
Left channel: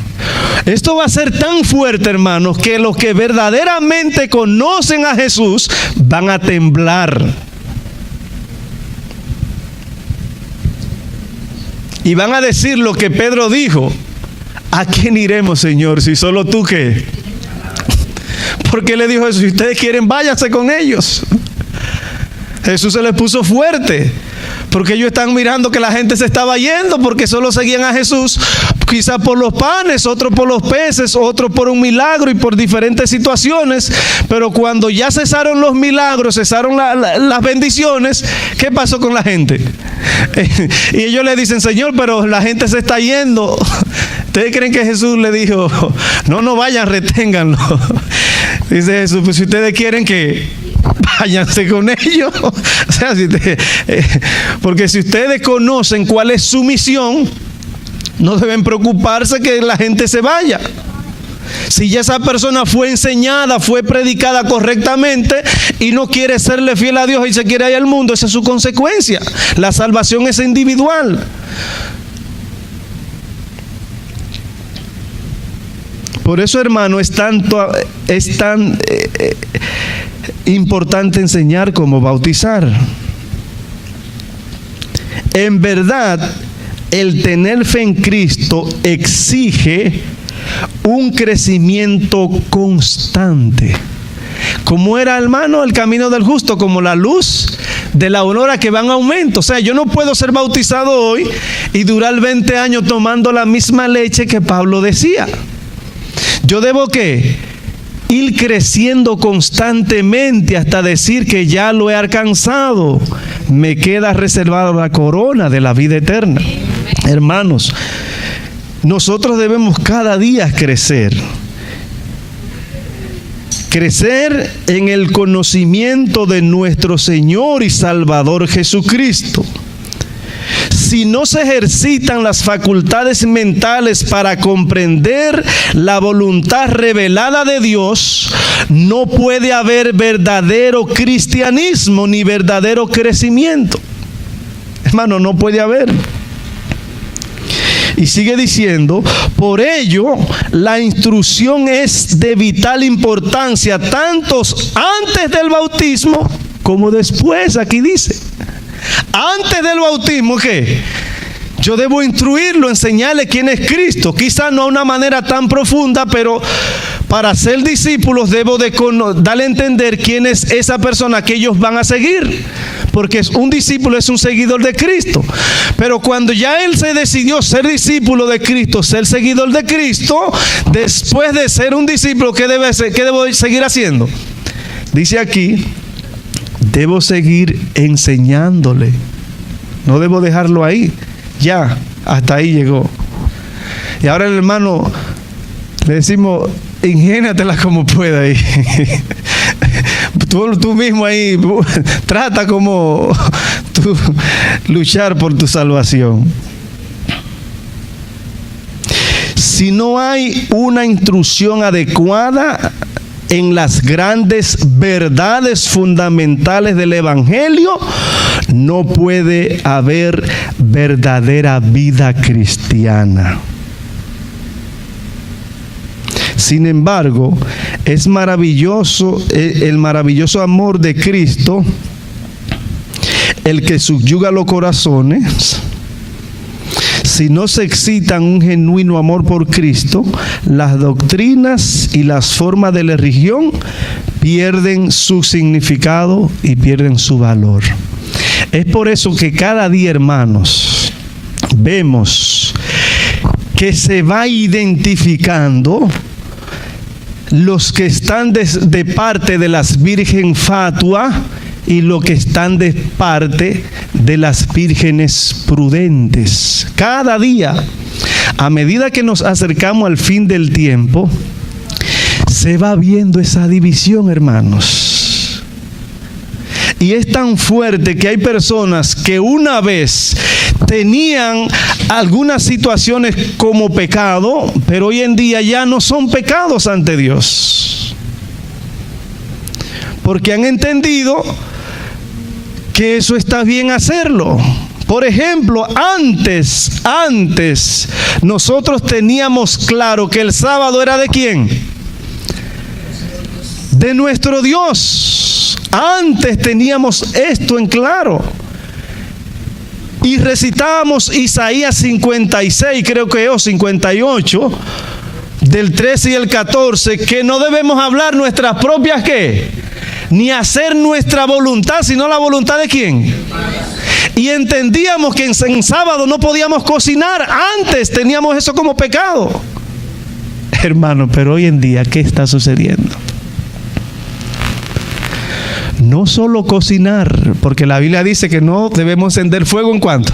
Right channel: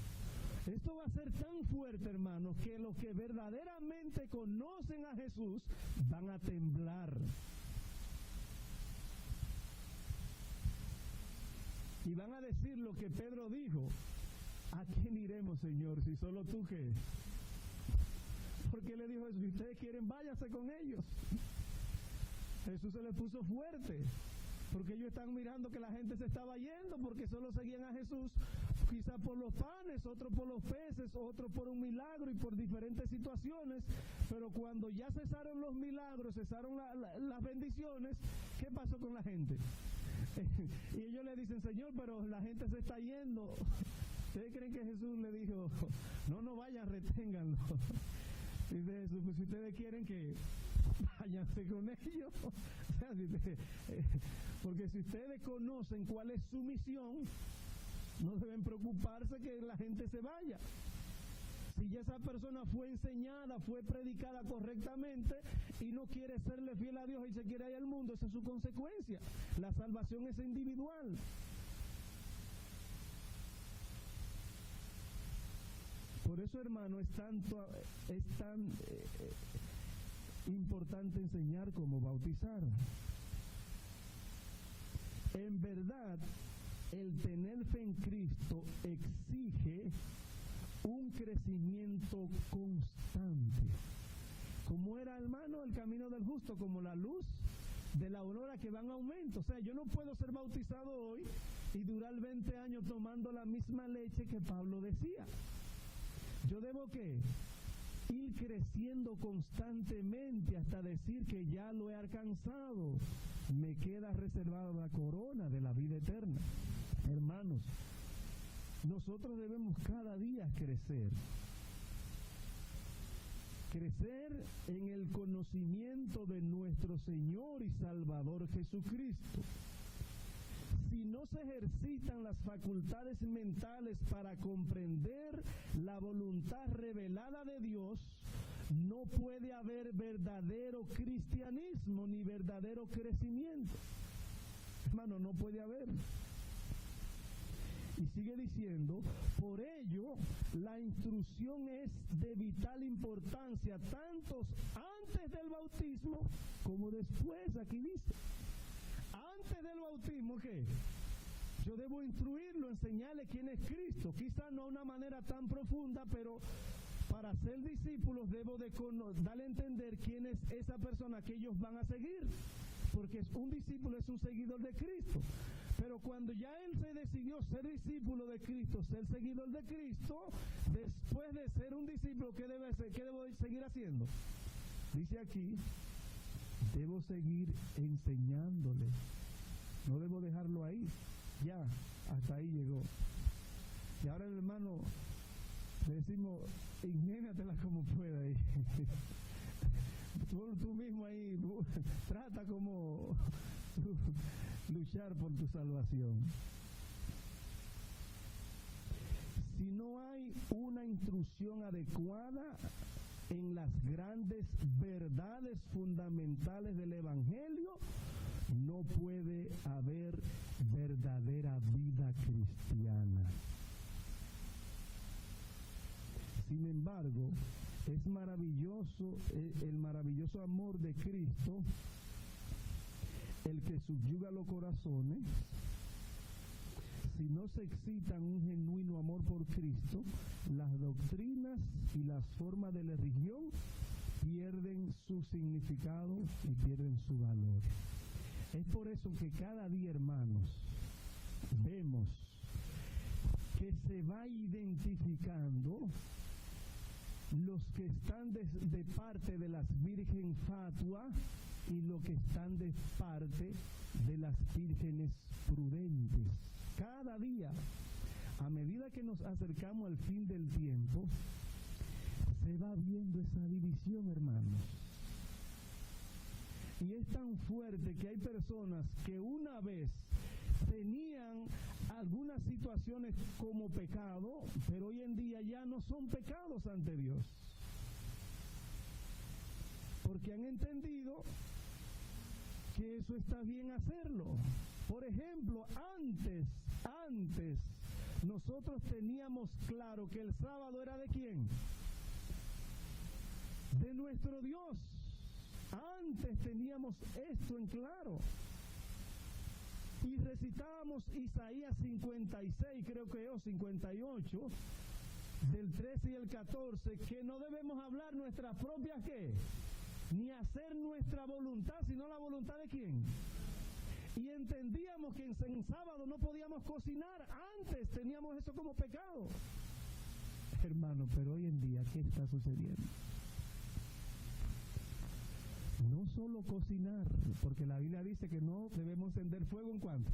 Esto va a ser tan fuerte, hermanos, que los que verdaderamente conocen a Jesús van a temblar. Y van a decir lo que Pedro dijo: ¿a quién iremos, Señor, si solo tú qué? Porque le dijo eso: si ustedes quieren, váyanse con ellos. Jesús se les puso fuerte, porque ellos están mirando que la gente se estaba yendo, porque solo seguían a Jesús, quizás por los panes, otros por los peces, otros por un milagro y por diferentes situaciones. Pero cuando ya cesaron los milagros, cesaron las bendiciones, ¿qué pasó con la gente? Y ellos le dicen: Señor, pero la gente se está yendo. ¿Ustedes creen que Jesús le dijo: no vayan, reténganlo? Dice Jesús: pues si ustedes quieren, que váyanse con ellos. O sea, porque si ustedes conocen cuál es su misión, no deben preocuparse que la gente se vaya. Si ya esa persona fue enseñada, fue predicada correctamente y no quiere serle fiel a Dios y se quiere ir al mundo, esa es su consecuencia. La salvación es individual. Por eso, hermano, es tan importante enseñar cómo bautizar. En verdad, el tener fe en Cristo exige un crecimiento constante. Como era, hermano, el camino del justo, como la luz de la aurora que va en aumento. O sea, yo no puedo ser bautizado hoy y durar 20 años tomando la misma leche que Pablo decía. Yo debo ¿qué? ir creciendo constantemente hasta decir que ya lo he alcanzado. Me queda reservada la corona de la vida eterna. Hermanos, nosotros debemos cada día crecer. Crecer en el conocimiento de nuestro Señor y Salvador Jesucristo. Si no se ejercitan las facultades mentales para comprender la voluntad revelada de Dios, no puede haber verdadero cristianismo ni verdadero crecimiento. Hermano, no puede haber. Y sigue diciendo, por ello, la instrucción es de vital importancia, tanto antes del bautismo como después. Aquí dice, antes del bautismo, ¿qué? Yo debo instruirlo, enseñarle quién es Cristo. Quizá no de una manera tan profunda, pero para ser discípulos debo de darle a entender quién es esa persona que ellos van a seguir. Porque un discípulo es un seguidor de Cristo. Pero cuando ya él se decidió ser discípulo de Cristo, ser seguidor de Cristo, después de ser un discípulo, ¿qué debo seguir haciendo? Dice aquí, debo seguir enseñándole. No debo dejarlo ahí. Ya, hasta ahí llegó. Y ahora el hermano le decimos, ingéniatela como pueda ahí. Tú mismo ahí trata como tú luchar por tu salvación. Si no hay una instrucción adecuada en las grandes verdades fundamentales del Evangelio, no puede haber verdadera vida cristiana. Sin embargo, es maravilloso el maravilloso amor de Cristo, el que subyuga los corazones. Si no se excitan un genuino amor por Cristo, las doctrinas y las formas de la religión pierden su significado y pierden su valor. Es por eso que cada día, hermanos, vemos que se va identificando los que están de parte de las virgen fatua y los que están de parte de las vírgenes prudentes. Cada día, a medida que nos acercamos al fin del tiempo, se va viendo esa división, hermanos. Y es tan fuerte que hay personas que una vez tenían algunas situaciones como pecado, pero hoy en día ya no son pecados ante Dios. Porque han entendido que eso está bien hacerlo. Por ejemplo, antes nosotros teníamos claro que el sábado era ¿de quién? De nuestro Dios. Antes teníamos esto en claro. Y recitábamos Isaías 56, creo que es 58, del 13 y el 14, que no debemos hablar nuestras propias ¿qué? Ni hacer nuestra voluntad, sino la voluntad de ¿quién? Y entendíamos que en sábado no podíamos cocinar. Antes teníamos eso como pecado. Hermano, pero hoy en día, ¿qué está sucediendo? No solo cocinar, porque la Biblia dice que no debemos encender fuego en cuanto.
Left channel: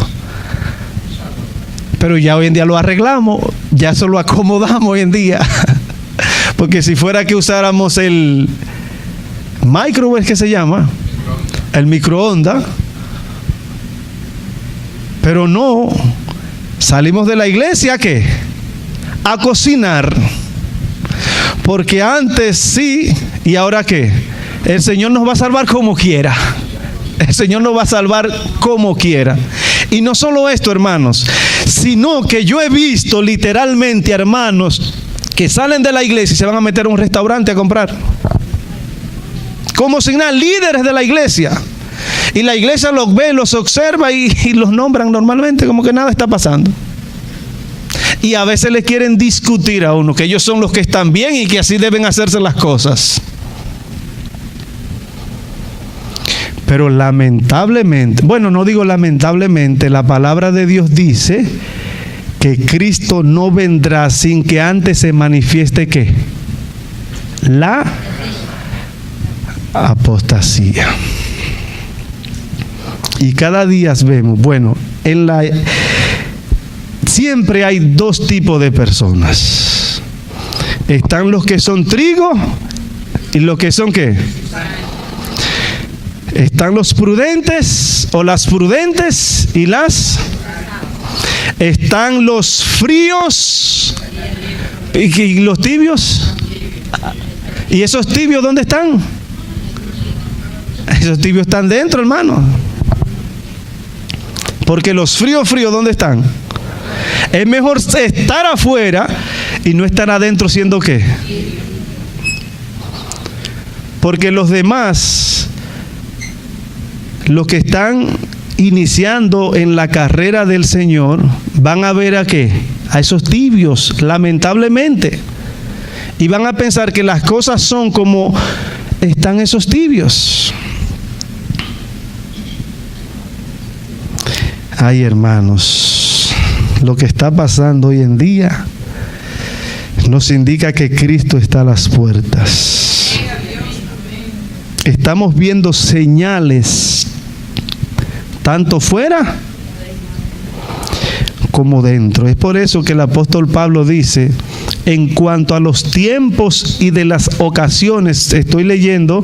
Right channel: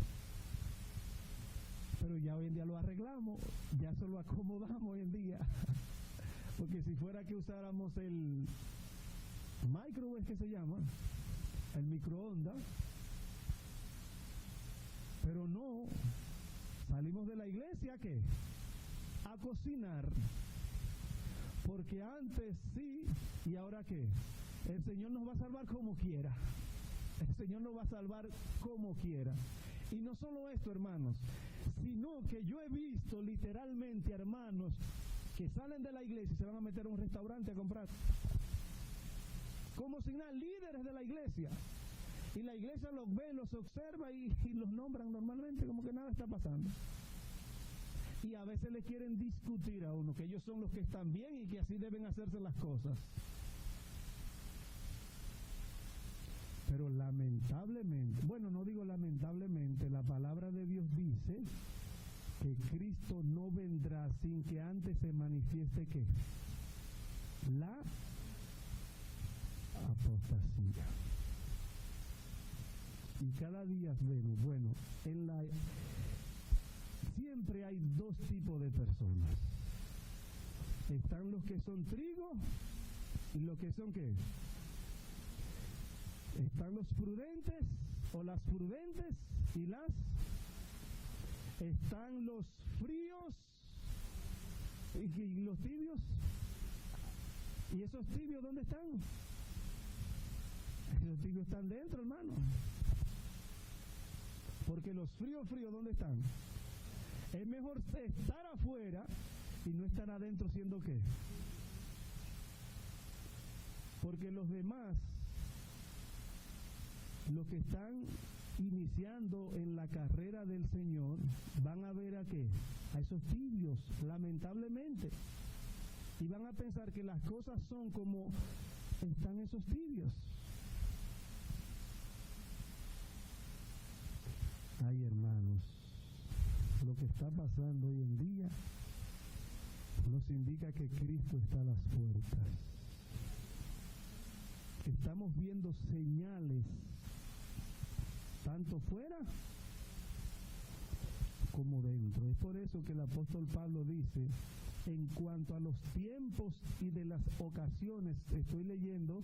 Pero ya hoy en día lo arreglamos, ya eso lo acomodamos hoy en día. Porque si fuera que usáramos el microwave, que se llama, el microondas, pero no, salimos de la iglesia, ¿qué? A cocinar. Porque antes sí, y ahora ¿qué? El Señor nos va a salvar como quiera. El Señor nos va a salvar como quiera. Y no solo esto, hermanos, sino que yo he visto literalmente, hermanos, que salen de la iglesia y se van a meter a un restaurante a comprar. Como si nada, líderes de la iglesia. Y la iglesia los ve, los observa y los nombran normalmente como que nada está pasando. Y a veces le quieren discutir a uno que ellos son los que están bien y que así deben hacerse las cosas. Pero lamentablemente, bueno, no digo lamentablemente, la palabra de Dios dice que Cristo no vendrá sin que antes se manifieste ¿qué? la apostasía. Y cada día vemos, bueno, siempre hay dos tipos de personas. Están los que son trigo y los que son ¿qué? Están los prudentes o las prudentes y las... Están los fríos y los tibios. ¿Y esos tibios dónde están? Esos tibios están dentro, hermano. Porque los fríos, ¿dónde están? Es mejor estar afuera y no estar adentro siendo ¿qué? Porque los demás, los que están iniciando en la carrera del Señor, van a ver a ¿qué? A esos tibios, lamentablemente. Y van a pensar que las cosas son como están esos tibios. Ay, hermanos, lo que está pasando hoy en día nos indica que Cristo está a las puertas. Estamos viendo señales tanto fuera como dentro. Es por eso que el apóstol Pablo dice, en cuanto a los tiempos y de las ocasiones, estoy leyendo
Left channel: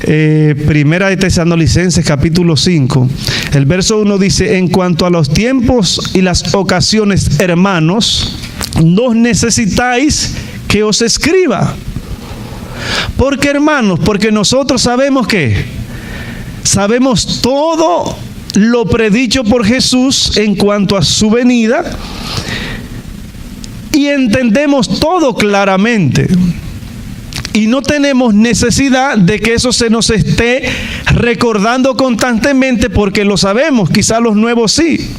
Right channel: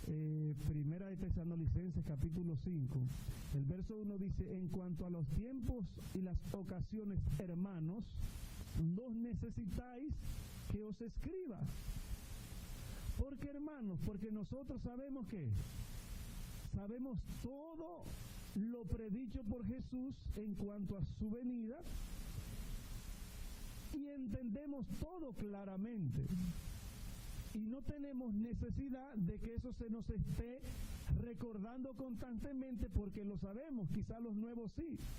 Primera de Tesalonicenses capítulo 5, el verso 1 dice, en cuanto a los tiempos y las ocasiones, hermanos, no necesitáis que os escriba. ¿Por qué, hermanos? Porque nosotros sabemos que sabemos todo lo predicho por Jesús en cuanto a su venida y entendemos todo claramente. Y no tenemos necesidad de que eso se nos esté recordando constantemente porque lo sabemos, quizás los nuevos sí.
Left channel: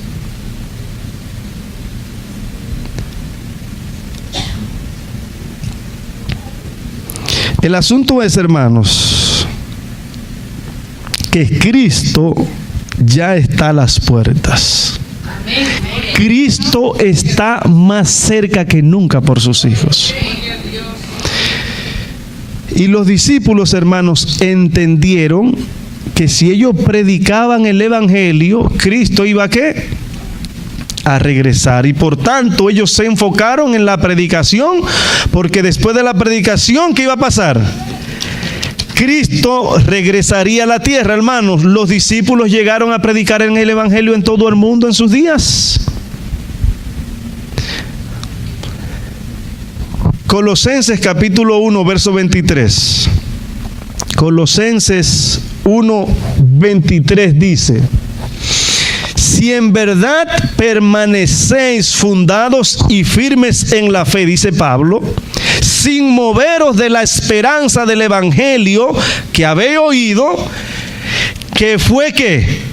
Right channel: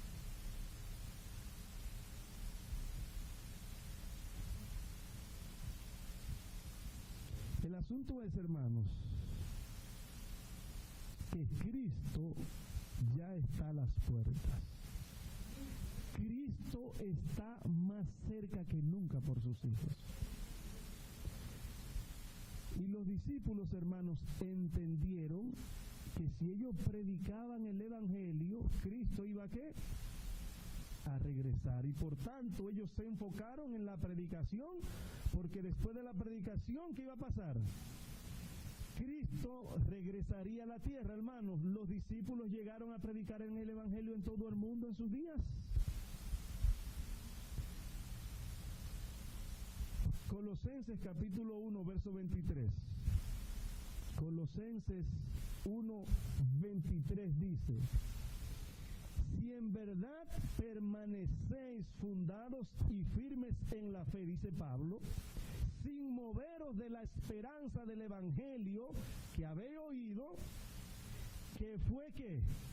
El asunto es, hermanos, que Cristo ya está a las puertas. Cristo está más cerca que nunca por sus hijos. Y los discípulos, hermanos, entendieron que si ellos predicaban el evangelio, Cristo iba ¿a qué? A regresar. Y por tanto ellos se enfocaron en la predicación, porque después de la predicación, ¿qué iba a pasar? Cristo regresaría a la tierra, hermanos. Los discípulos llegaron a predicar en el evangelio en todo el mundo en sus días. Colosenses capítulo 1, verso 23. Colosenses 1, 23 dice: si en verdad permanecéis fundados y firmes en la fe, dice Pablo, sin moveros de la esperanza del evangelio que habéis oído, que fue que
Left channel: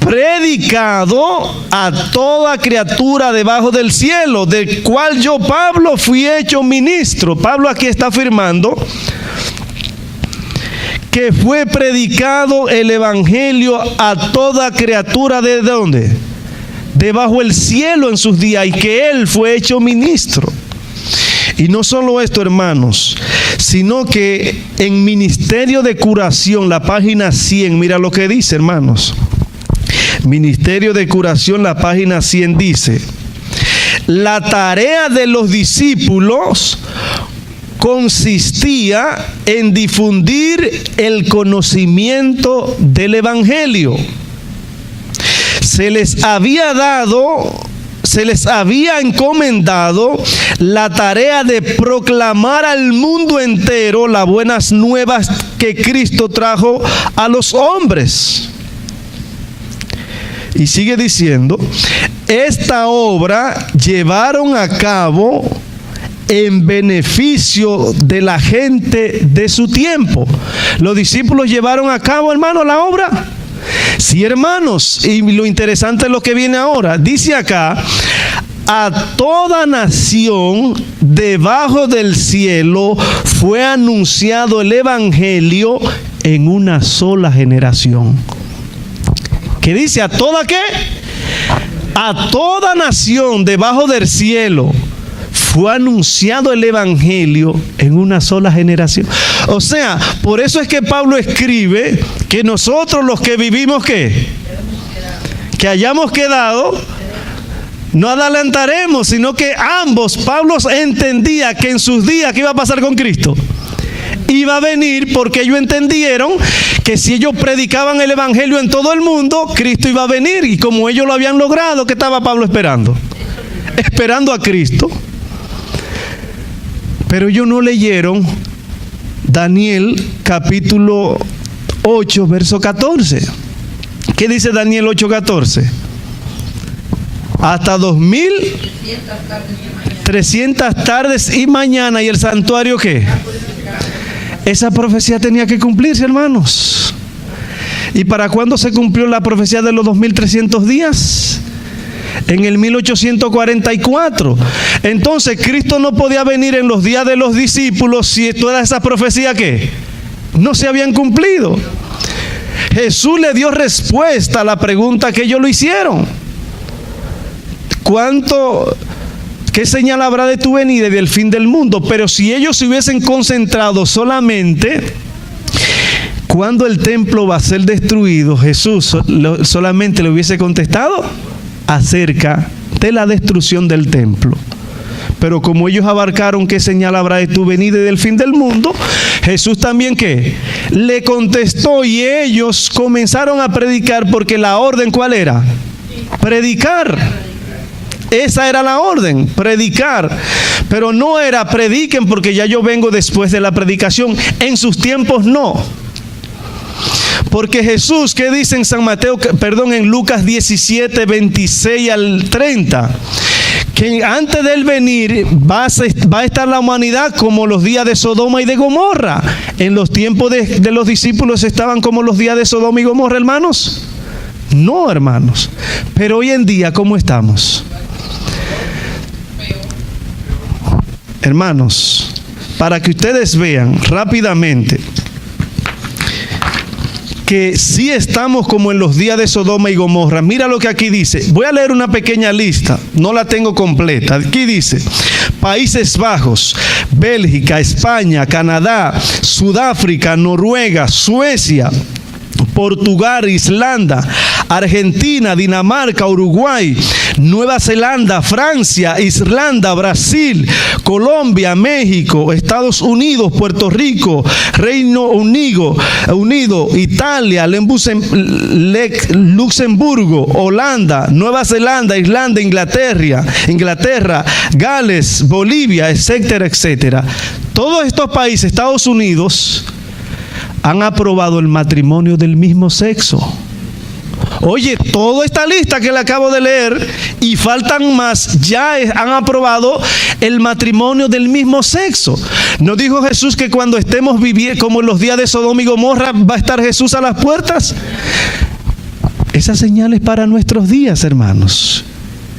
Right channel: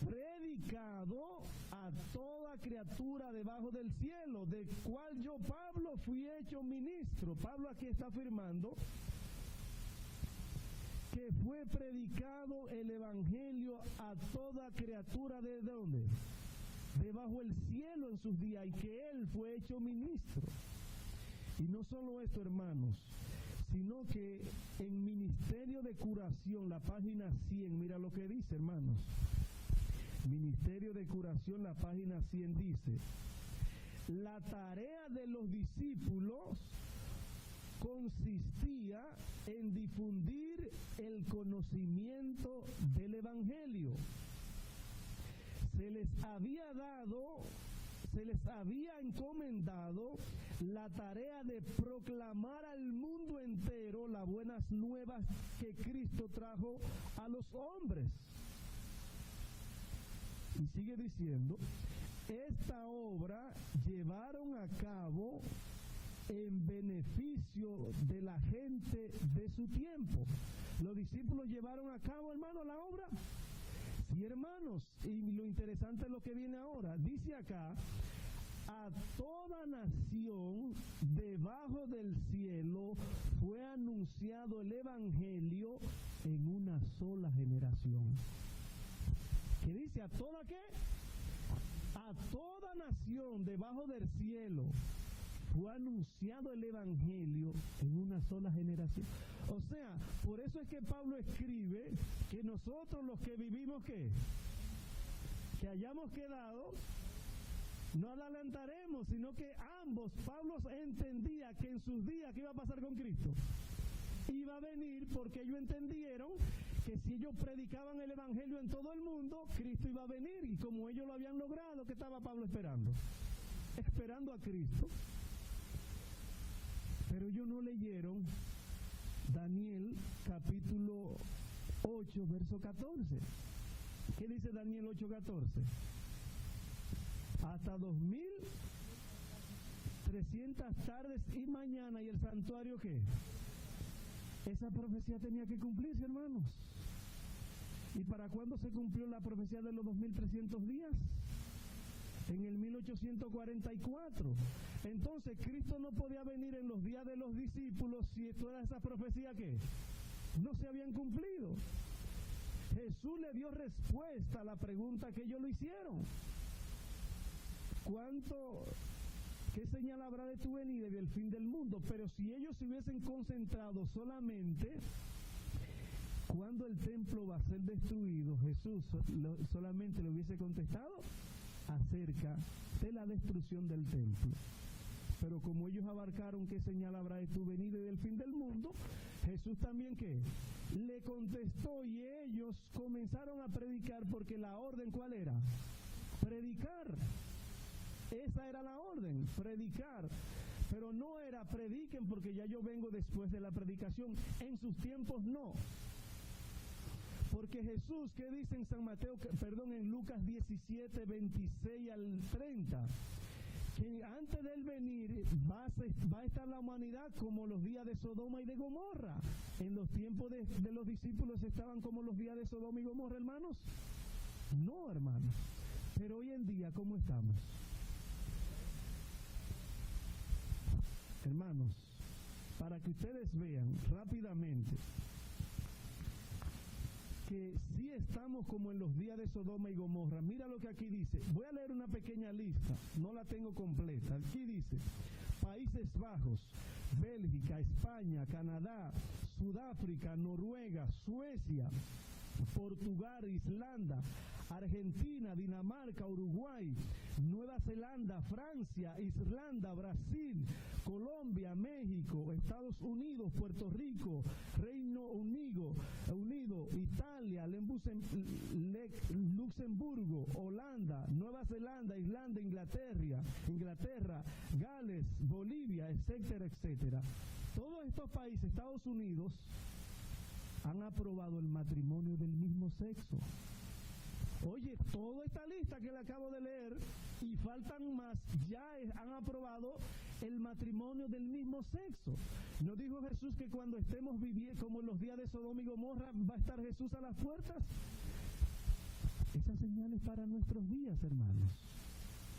predicado a toda criatura debajo del cielo, del cual yo, Pablo, fui hecho ministro. Pablo aquí está afirmando que fue predicado el evangelio a toda criatura ¿de dónde? Debajo del cielo en sus días, y que él fue hecho ministro. Y no solo esto, hermanos, sino que en Ministerio de Curación, la página 100, mira lo que dice, hermanos. Ministerio de Curación, la página 100 dice: la tarea de los discípulos consistía en difundir el conocimiento del evangelio. Se les había encomendado la tarea de proclamar al mundo entero las buenas nuevas que Cristo trajo a los hombres. Y sigue diciendo, esta obra llevaron a cabo en beneficio de la gente de su tiempo. Los discípulos llevaron a cabo, hermano, la obra. Sí, hermanos, y lo interesante es lo que viene ahora. Dice acá, a toda nación debajo del cielo fue anunciado el evangelio en una sola generación. ¿Qué dice? ¿A toda qué? A toda nación debajo del cielo fue anunciado el evangelio en una sola generación. O sea, por eso es que Pablo escribe que nosotros los que vivimos, ¿qué? Que hayamos quedado, no adelantaremos, sino que ambos, Pablo entendía que en sus días, ¿qué iba a pasar con Cristo? Iba a venir, porque ellos entendieron que si ellos predicaban el evangelio en todo el mundo, Cristo iba a venir. Y como ellos lo habían logrado, ¿qué estaba Pablo esperando? Esperando a Cristo. Pero ellos no leyeron Daniel capítulo 8, verso 14. ¿Qué dice Daniel 8, 14? Hasta 2300 tardes y mañana. ¿Y el santuario qué? Esa profecía tenía que cumplirse, hermanos. ¿Y para cuándo se cumplió la profecía de los 2300 días? En el 1844. Entonces Cristo no podía venir en los días de los discípulos si todas esas profecías ¿qué? No se habían cumplido. Jesús le dio respuesta a la pregunta que ellos lo hicieron. ¿Qué señal habrá de tu venida y del fin del mundo? Pero si ellos se hubiesen concentrado solamente cuando el templo va a ser destruido, Jesús solamente le hubiese contestado acerca de la destrucción del templo. Pero como ellos abarcaron qué señal habrá de tu venida y del fin del mundo, Jesús también ¿qué? Le contestó, y ellos comenzaron a predicar, porque la orden ¿cuál era? Predicar. Esa era la orden, predicar. Pero no era prediquen porque ya yo vengo después de la predicación. En sus tiempos no. Porque Jesús, ¿qué dice en en Lucas 17, 26 al 30? Que antes de él venir va a estar la humanidad como los días de Sodoma y de Gomorra. En los tiempos de los discípulos estaban como los días de Sodoma y Gomorra, hermanos. No, hermanos. Pero hoy en día, ¿cómo estamos? Hermanos, para que ustedes vean rápidamente que sí estamos como en los días de Sodoma y Gomorra. Mira lo que aquí dice. Voy a leer una pequeña lista, no la tengo completa. Aquí dice: Países Bajos, Bélgica, España, Canadá, Sudáfrica, Noruega, Suecia, Portugal, Islanda, Argentina, Dinamarca, Uruguay, Nueva Zelanda, Francia, Irlanda, Brasil, Colombia, México, Estados Unidos, Puerto Rico, Reino Unido, Italia, Luxemburgo, Holanda, Nueva Zelanda, Irlanda, Inglaterra, Gales, Bolivia, etcétera, etcétera. Todos estos países, Estados Unidos, han aprobado el matrimonio del mismo sexo. Oye, toda esta lista que le acabo de leer y faltan más, ya han aprobado el matrimonio del mismo sexo. ¿No dijo Jesús que cuando estemos viviendo como en los días de Sodoma y Gomorra va a estar Jesús a las puertas? Esa señal es para nuestros días, hermanos.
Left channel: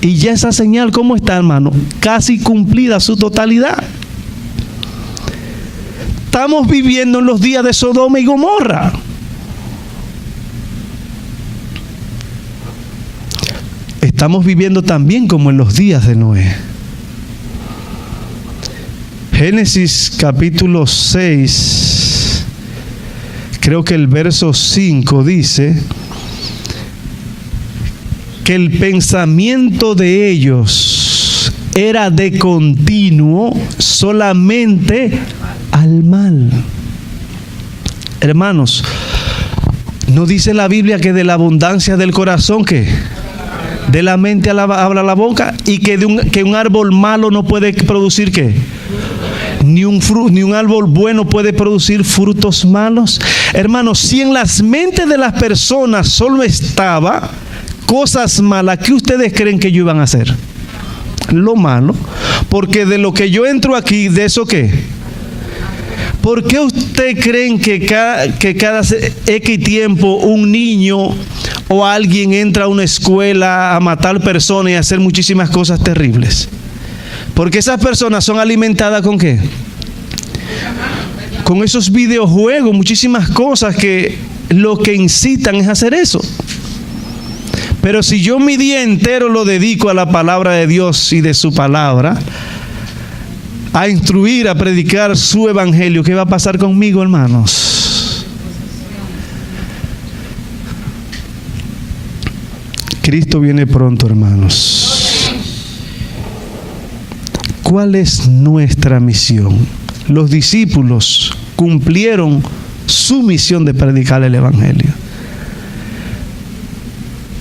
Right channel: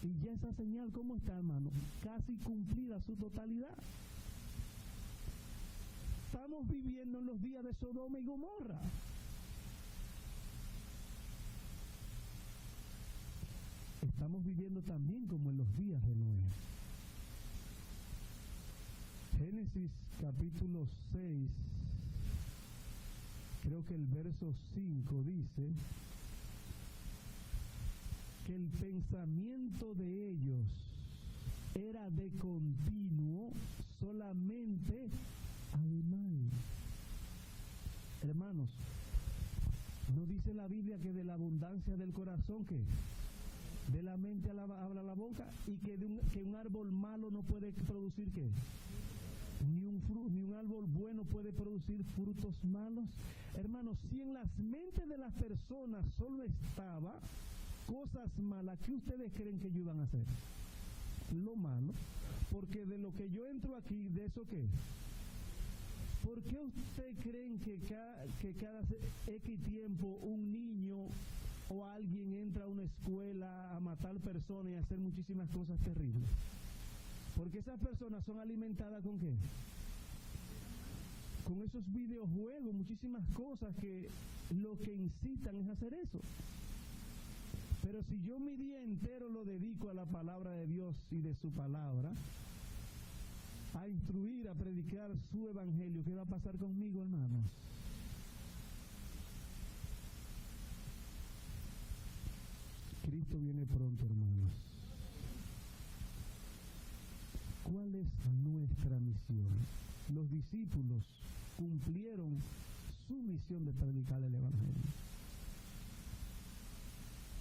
Y ya esa señal, ¿cómo está, hermano? Casi cumplida su totalidad. Estamos viviendo en los días de Sodoma y Gomorra. Estamos viviendo también como en los días de Noé. Génesis capítulo 6, creo que el verso 5 dice que el pensamiento de ellos era de continuo solamente al mal. Hermanos, ¿no dice la Biblia que de la abundancia del corazón ¿qué? De la mente habla la boca, y que un árbol malo no puede producir ¿qué? Ni un árbol bueno puede producir frutos malos. Hermanos, si en las mentes de las personas solo estaba cosas malas, ¿qué ustedes creen que ellos iban a hacer? Lo malo. Porque de lo que yo entro aquí, ¿de eso qué? ¿Por qué ustedes creen que cada X tiempo un niño o alguien entra a una escuela a matar personas y a hacer muchísimas cosas terribles? Porque esas personas son alimentadas ¿con qué? Con esos videojuegos, muchísimas cosas que lo que incitan es hacer eso. Pero si yo mi día entero lo dedico a la palabra de Dios y de su palabra, a instruir, a predicar su evangelio, ¿qué va a pasar conmigo, hermanos? Cristo viene pronto, hermanos. ¿Cuál es nuestra misión? Los discípulos cumplieron su misión de predicar el evangelio.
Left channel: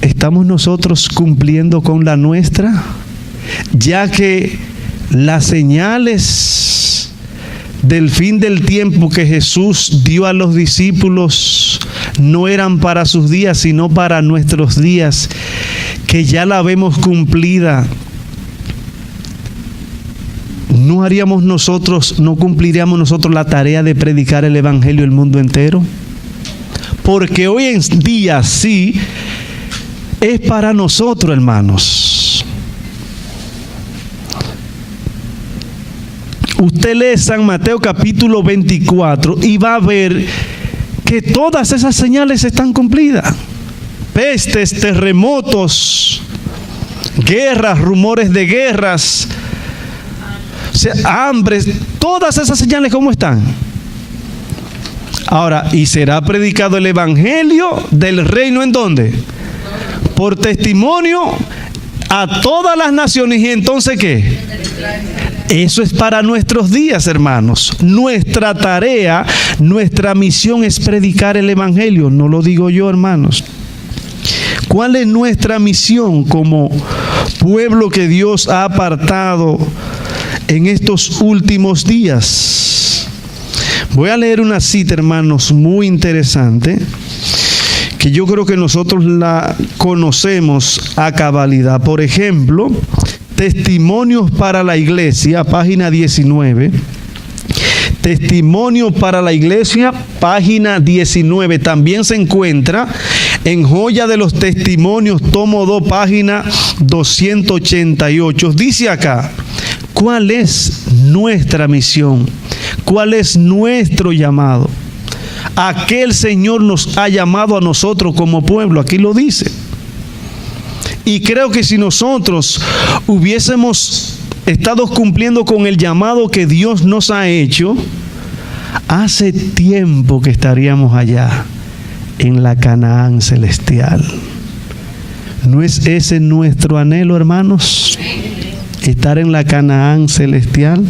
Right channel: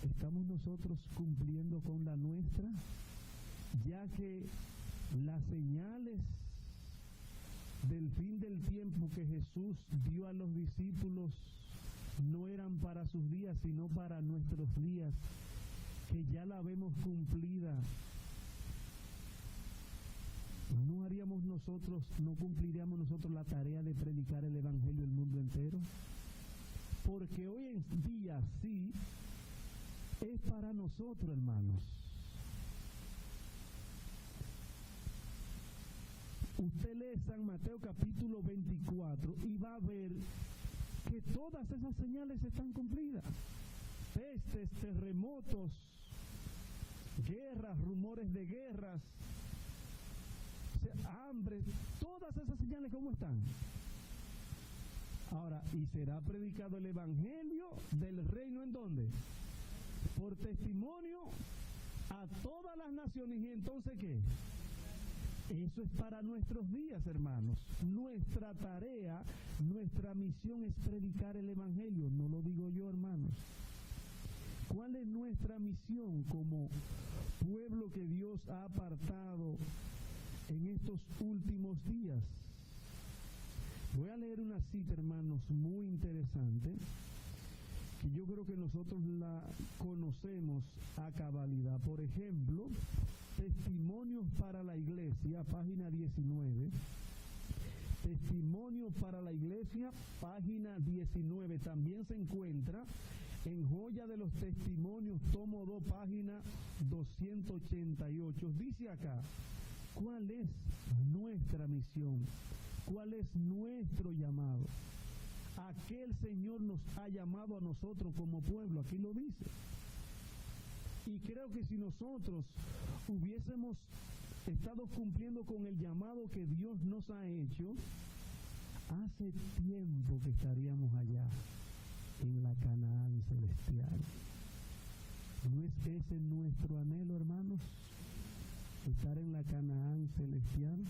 ¿Estamos nosotros cumpliendo con la nuestra? Ya que las señales del fin del tiempo que Jesús dio a los discípulos no eran para sus días, sino para nuestros días, que ya la vemos cumplida. ¿No cumpliríamos nosotros la tarea de predicar el evangelio al mundo entero? Porque hoy en día sí es para nosotros, hermanos. Usted lee San Mateo capítulo 24 y va a ver que todas esas señales están cumplidas. Pestes, terremotos, guerras, rumores de guerras, hambres, todas esas señales, ¿cómo están? Ahora, ¿y será predicado el evangelio del reino en dónde? Por testimonio a todas las naciones. ¿Y entonces qué? Eso es para nuestros días, hermanos. Nuestra tarea, nuestra misión es predicar el evangelio. No lo digo yo, hermanos. ¿Cuál es nuestra misión como pueblo que Dios ha apartado en estos últimos días? Voy a leer una cita, hermanos, muy interesante, que yo creo que nosotros la conocemos a cabalidad. Por ejemplo, Testimonios para la Iglesia, página 19. Testimonio para la Iglesia, página 19. También se encuentra en Joya de los Testimonios, tomo 2, página 288. Dice acá, ¿cuál es nuestra misión? ¿Cuál es nuestro llamado? ¿A qué el Señor nos ha llamado a nosotros como pueblo? Aquí lo dice. Y creo que si nosotros hubiésemos estado cumpliendo con el llamado que Dios nos ha hecho, hace tiempo que estaríamos allá en la Canaán celestial. ¿No es ese nuestro anhelo, hermanos? Estar en la Canaán celestial.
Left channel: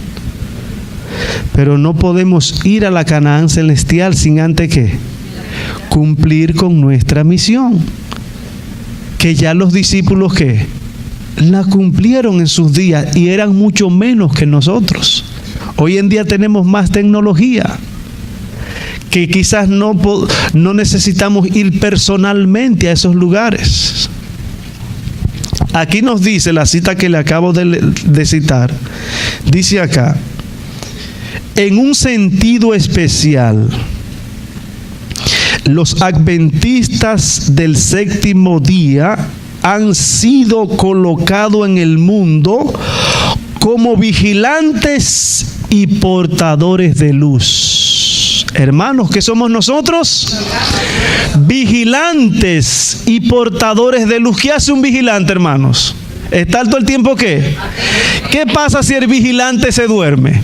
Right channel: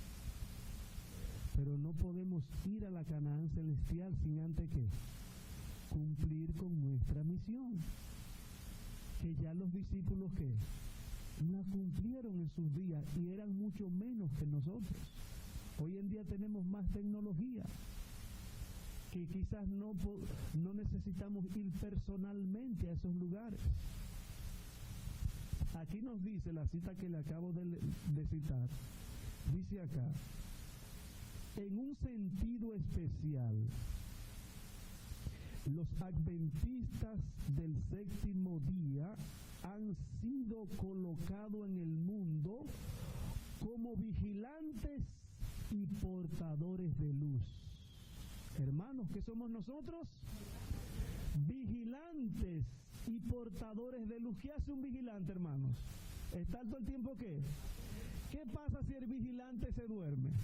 Pero no podemos ir a la Canaán celestial sin antes ¿qué? Cumplir con nuestra misión. Que ya los discípulos ¿qué? La cumplieron en sus días y eran mucho menos que nosotros. Hoy en día tenemos más tecnología, que quizás no necesitamos ir personalmente a esos lugares. Aquí nos dice la cita que le acabo de citar. Dice acá, en un sentido especial, los adventistas del séptimo día han sido colocados en el mundo como vigilantes y portadores de luz. Hermanos, ¿qué somos nosotros? Vigilantes y portadores de luz. ¿Qué hace un vigilante, hermanos? ¿Estar todo el tiempo qué? ¿Qué pasa si el vigilante se duerme?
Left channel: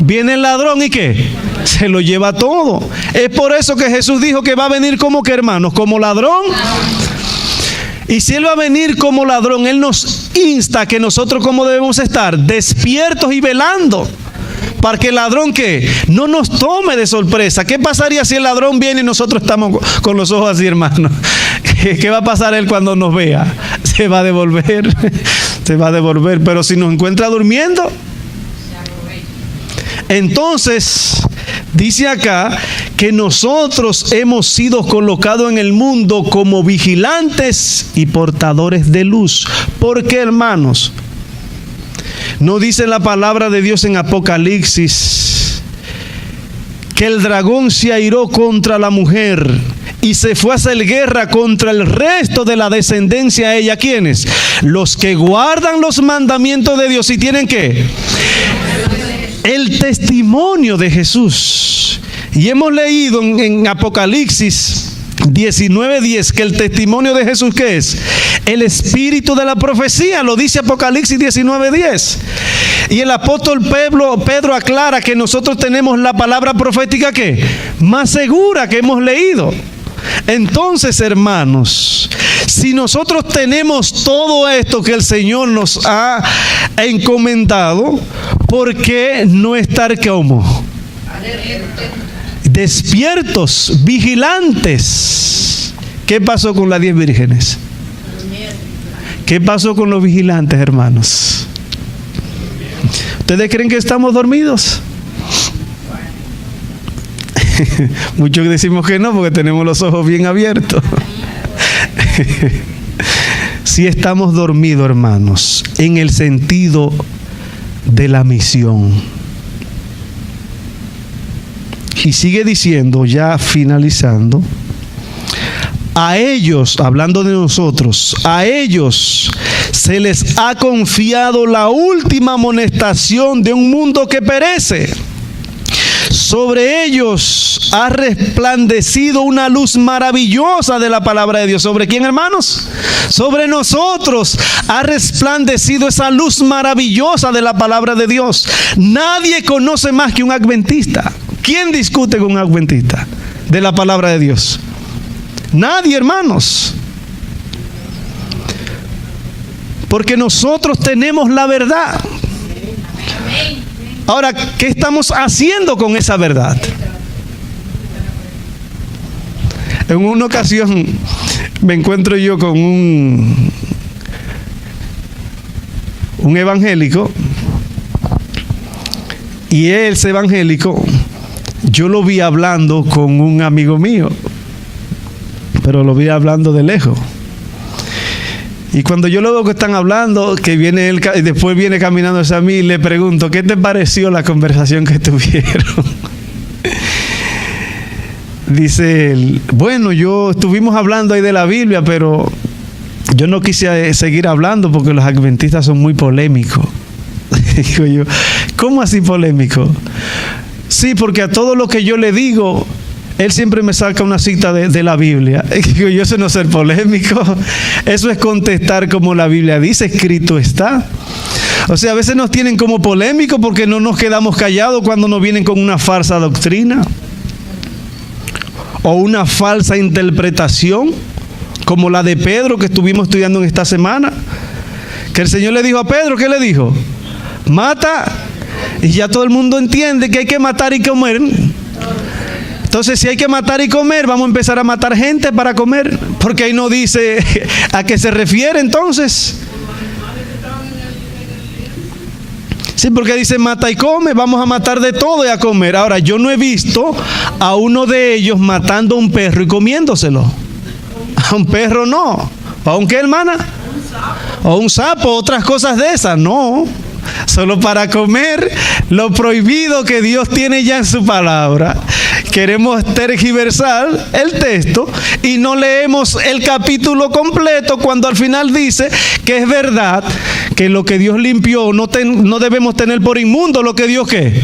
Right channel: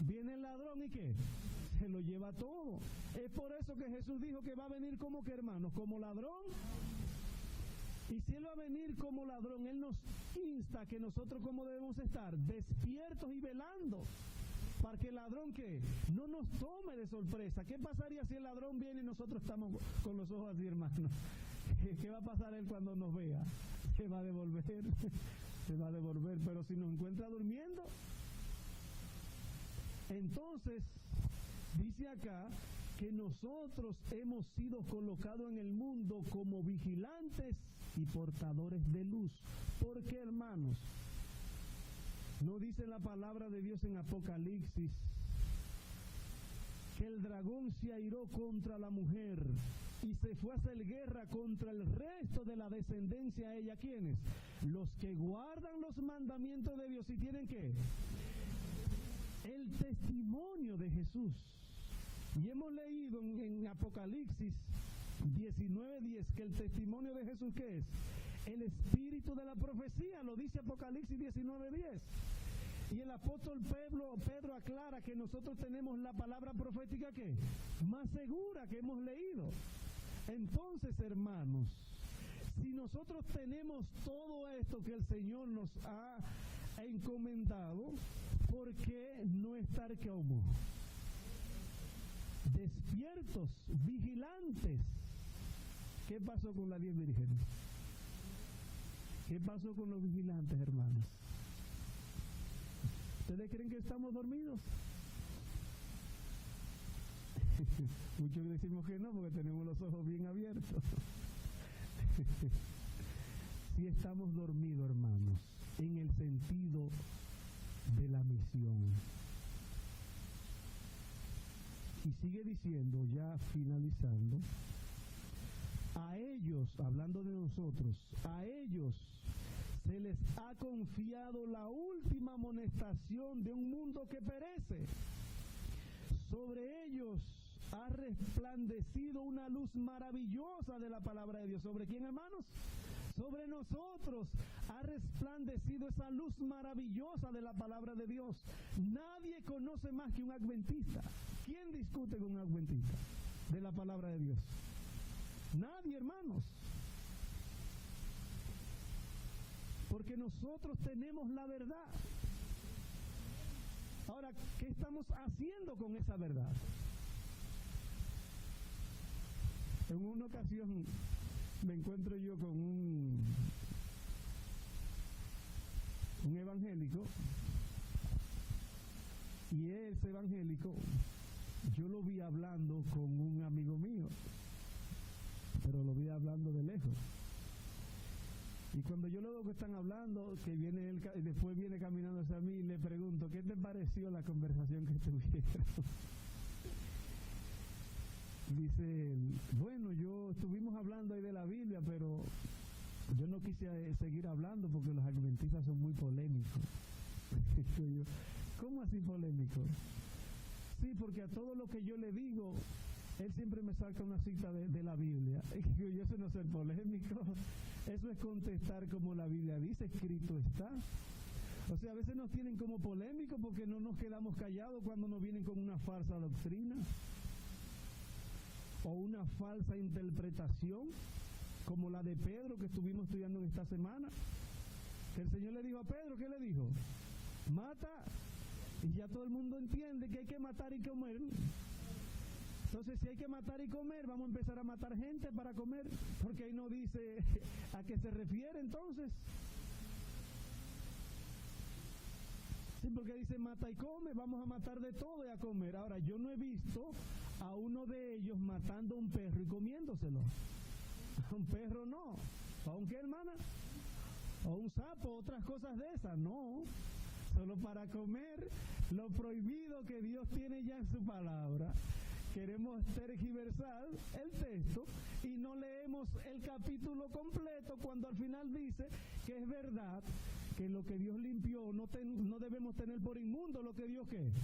Viene el ladrón y ¿qué? Se lo lleva todo. Es por eso que Jesús dijo que va a venir como que, hermanos, como ladrón. Y si Él va a venir como ladrón, Él nos insta a que nosotros como debemos estar despiertos y velando, para que el ladrón ¿qué? No nos tome de sorpresa. ¿Qué pasaría si el ladrón viene y nosotros estamos con los ojos así, hermano? ¿Qué va a pasar él cuando nos vea? Se va a devolver. Se va a devolver. Pero si nos encuentra durmiendo, entonces dice acá que nosotros hemos sido colocados en el mundo como vigilantes y portadores de luz. ¿Por qué, hermanos? ¿No dice la palabra de Dios en Apocalipsis que el dragón se airó contra la mujer y se fue a hacer guerra contra el resto de la descendencia de ella? ¿Quiénes? Los que guardan los mandamientos de Dios y tienen ¿qué? El testimonio de Jesús. Y hemos leído en Apocalipsis 19:10, que el testimonio de Jesús, ¿qué es? El espíritu de la profecía, lo dice Apocalipsis 19:10. Y el apóstol Pedro aclara que nosotros tenemos la palabra profética, ¿qué? Más segura que hemos leído. Entonces, hermanos, si nosotros tenemos todo esto que el Señor nos ha encomendado, ¿por qué no estar como? Despiertos, vigilantes. ¿Qué pasó con las 10 vírgenes? ¿Qué pasó con los vigilantes, hermanos? ¿Ustedes creen que estamos dormidos? Muchos decimos que no, porque tenemos los ojos bien abiertos. Sí estamos dormidos, hermanos, en el sentido de la misión. Y sigue diciendo, ya finalizando, a ellos, hablando de nosotros, a ellos se les ha confiado la última amonestación de un mundo que perece. Sobre ellos ha resplandecido una luz maravillosa de la palabra de Dios. ¿Sobre quién, hermanos? Sobre nosotros ha resplandecido esa luz maravillosa de la palabra de Dios. Nadie conoce más que un adventista. ¿Quién discute con un adventista de la palabra de Dios? Nadie, hermanos. Porque nosotros tenemos la verdad. Ahora, ¿qué estamos haciendo con esa verdad? En una ocasión me encuentro yo con un evangélico, y ese evangélico yo lo vi hablando con un amigo mío, pero lo vi hablando de lejos. Y cuando yo lo veo que están hablando, que viene él y después viene caminando hacia mí, le pregunto, ¿qué te pareció la conversación que tuvieron? Dice él, bueno, estuvimos hablando ahí de la Biblia, pero yo no quise seguir hablando porque los adventistas son muy polémicos. Digo yo, ¿cómo así polémico? Sí, porque a todo lo que yo le digo, él siempre me saca una cita de la Biblia. Y digo yo, eso no es ser polémico, eso es contestar como la Biblia dice, escrito está. O sea, a veces nos tienen como polémicos porque no nos quedamos callados cuando nos vienen con una falsa doctrina o una falsa interpretación, como la de Pedro que estuvimos estudiando en esta semana, que el Señor le dijo a Pedro, ¿qué le dijo? Mata, y ya todo el mundo entiende que hay que matar y comer. Entonces, si hay que matar y comer, vamos a empezar a matar gente para comer, porque ahí no dice a qué se refiere entonces. Sí, porque dice mata y come, vamos a matar de todo y a comer. Ahora, yo no he visto a uno de ellos matando a un perro y comiéndoselo. A un perro no. ¿A un qué, hermana? O un sapo, otras cosas de esas, no. Solo para comer lo prohibido que Dios tiene ya en su palabra. Queremos tergiversar el texto y no leemos el capítulo completo cuando al final dice que es verdad que lo que Dios limpió no debemos tener por inmundo lo que Dios ¿qué?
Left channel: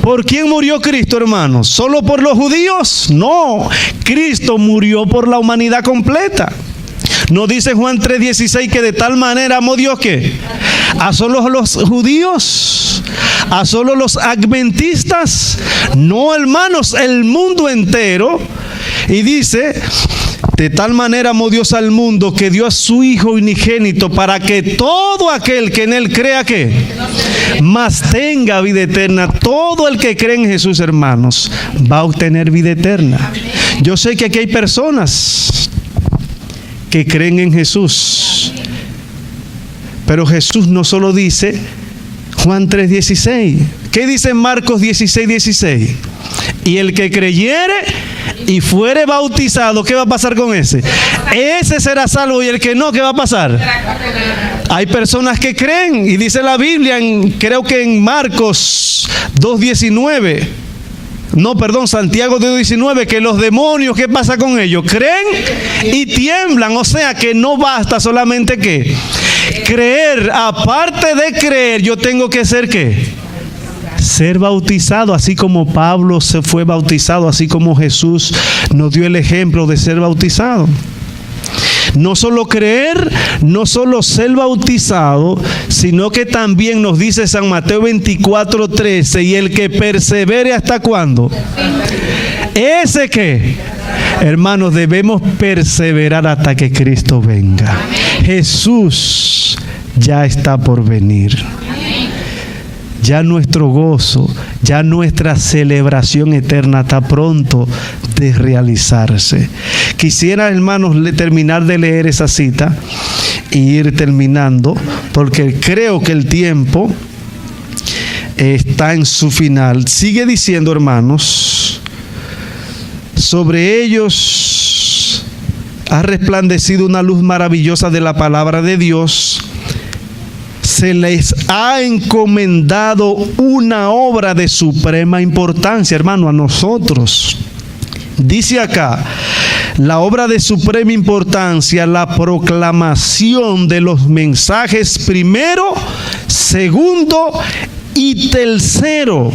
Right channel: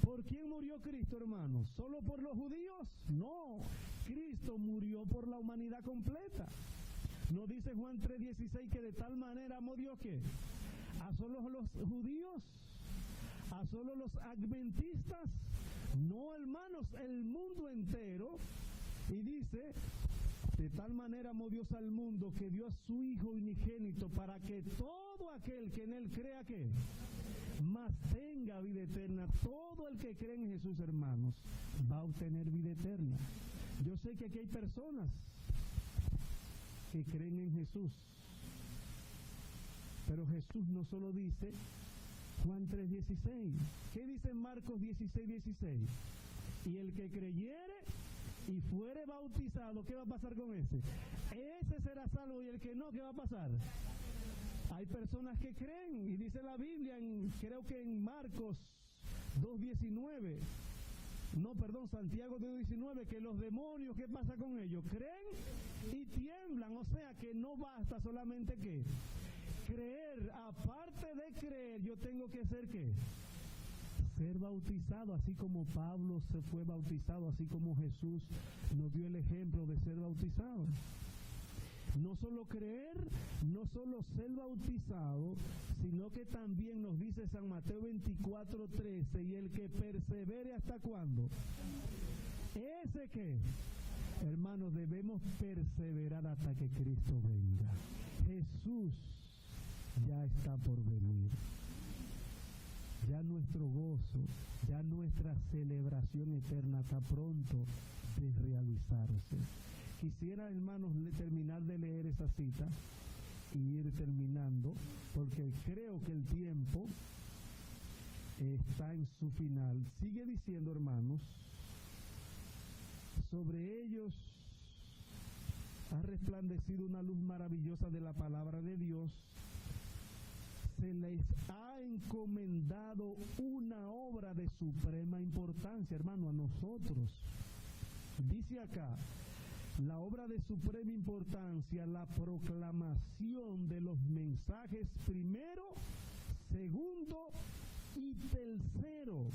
¿Por quién murió Cristo, hermanos? ¿Solo por los judíos? No, Cristo murió por la humanidad completa. ¿No dice Juan 3:16 que de tal manera amó Dios que a solo los judíos, a solo los adventistas? No, hermanos, el mundo entero. Y dice, de tal manera amó Dios al mundo que dio a su Hijo unigénito para que todo aquel que en él crea que más tenga vida eterna. Todo el que cree en Jesús, hermanos, va a obtener vida eterna. Yo sé que aquí hay personas que creen en Jesús, pero Jesús no solo dice Juan 3:16. ¿Qué dice Marcos 16:16? Y el que creyere y fuere bautizado, ¿qué va a pasar con ese? Ese será salvo, y el que no, ¿qué va a pasar? Hay personas que creen, y dice la Biblia, creo que en Marcos 2:19, no, perdón, Santiago 2:19, que los demonios, ¿qué pasa con ellos? Creen y tiemblan. O sea que no basta solamente que creer. Aparte de creer, yo tengo que ser ¿qué? ser bautizado, así como Pablo se fue bautizado, así como Jesús nos dio el ejemplo de ser bautizado. No solo creer, no solo ser bautizado, sino que también nos dice San Mateo 24:13, y el que persevere ¿hasta cuándo? ¿Ese qué? Hermanos, debemos perseverar hasta que Cristo venga. Jesús ya está por venir. Ya nuestro gozo, ya nuestra celebración eterna está pronto de realizarse. Quisiera, hermanos, terminar de leer esa cita y ir terminando, porque creo que el tiempo está en su final. Sigue diciendo, hermanos, sobre ellos ha resplandecido una luz maravillosa de la palabra de Dios. Se les ha encomendado una obra de suprema importancia, hermano, a nosotros. Dice acá, la obra de suprema importancia, la proclamación de los mensajes primero, segundo y tercero.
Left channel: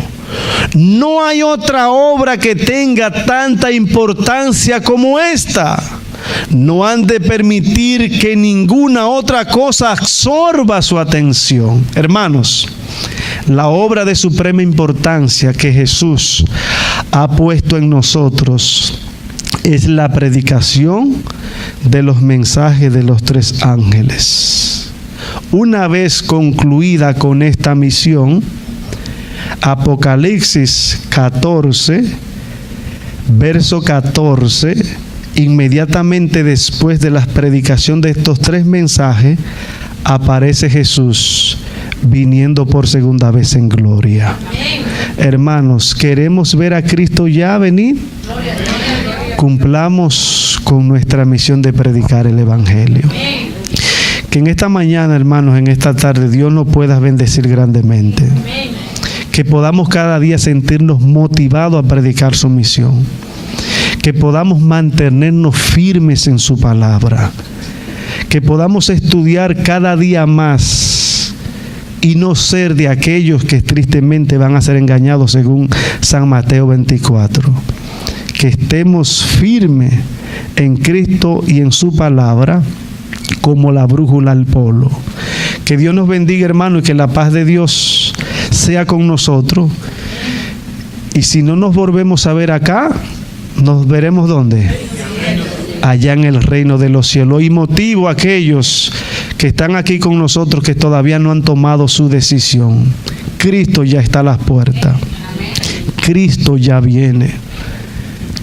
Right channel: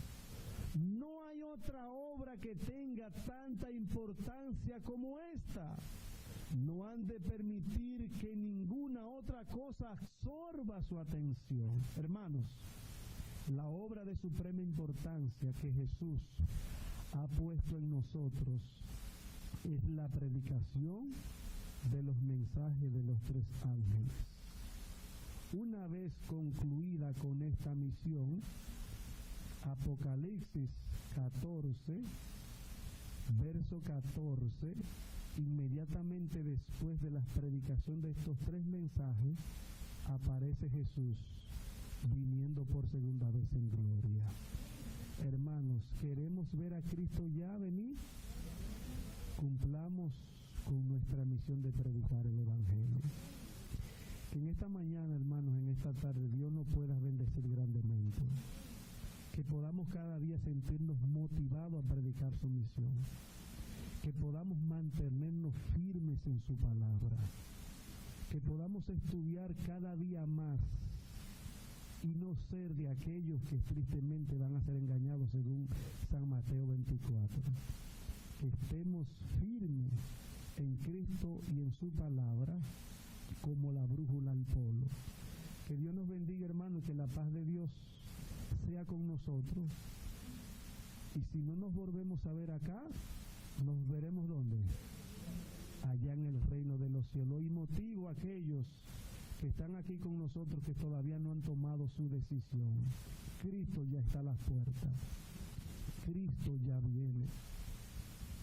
No hay otra obra que tenga tanta importancia como esta. No han de permitir que ninguna otra cosa absorba su atención. Hermanos, la obra de suprema importancia que Jesús ha puesto en nosotros es la predicación de los mensajes de los 3 ángeles. Una vez concluida con esta misión, Apocalipsis 14, verso 14, inmediatamente después de la predicación de estos 3 mensajes, aparece Jesús viniendo por segunda vez en gloria. Hermanos, ¿queremos ver a Cristo ya venir? Cumplamos con nuestra misión de predicar el Evangelio. Que en esta mañana, hermanos, en esta tarde, Dios nos pueda bendecir grandemente. Que podamos cada día sentirnos motivados a predicar su misión. Que podamos mantenernos firmes en su palabra. Que podamos estudiar cada día más y no ser de aquellos que tristemente van a ser engañados según San Mateo 24. Que estemos firmes en Cristo y en su palabra como la brújula al polo. Que Dios nos bendiga, hermano, y que la paz de Dios sea con nosotros. Y si no nos volvemos a ver acá, nos veremos ¿dónde? Allá en el reino de los cielos. Y motivo a aquellos que están aquí con nosotros que todavía no han tomado su decisión. Cristo ya está a las puertas. Cristo ya viene.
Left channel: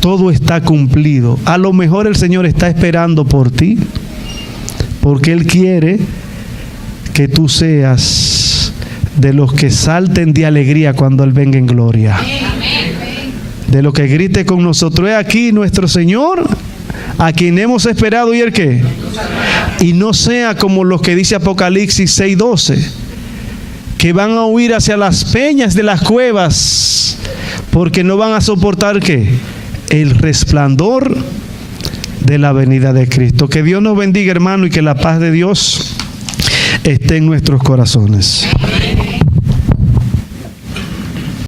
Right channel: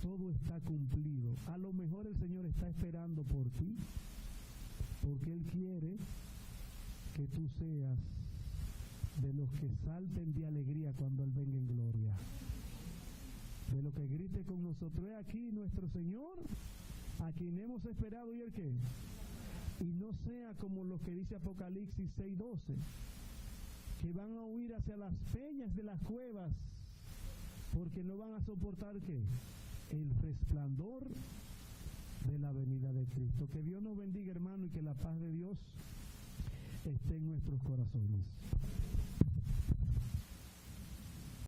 Todo está cumplido. A lo mejor el Señor está esperando por ti, porque Él quiere que tú seas de los que salten de alegría cuando Él venga en gloria. De lo que grite con nosotros: es aquí nuestro Señor, a quien hemos esperado. ¿Y el qué? Y no sea como los que dice Apocalipsis 6:12, que van a huir hacia las peñas de las cuevas, porque no van a soportar ¿qué? El resplandor de la venida de Cristo. Que Dios nos bendiga, hermano, y que la paz de Dios esté en nuestros corazones.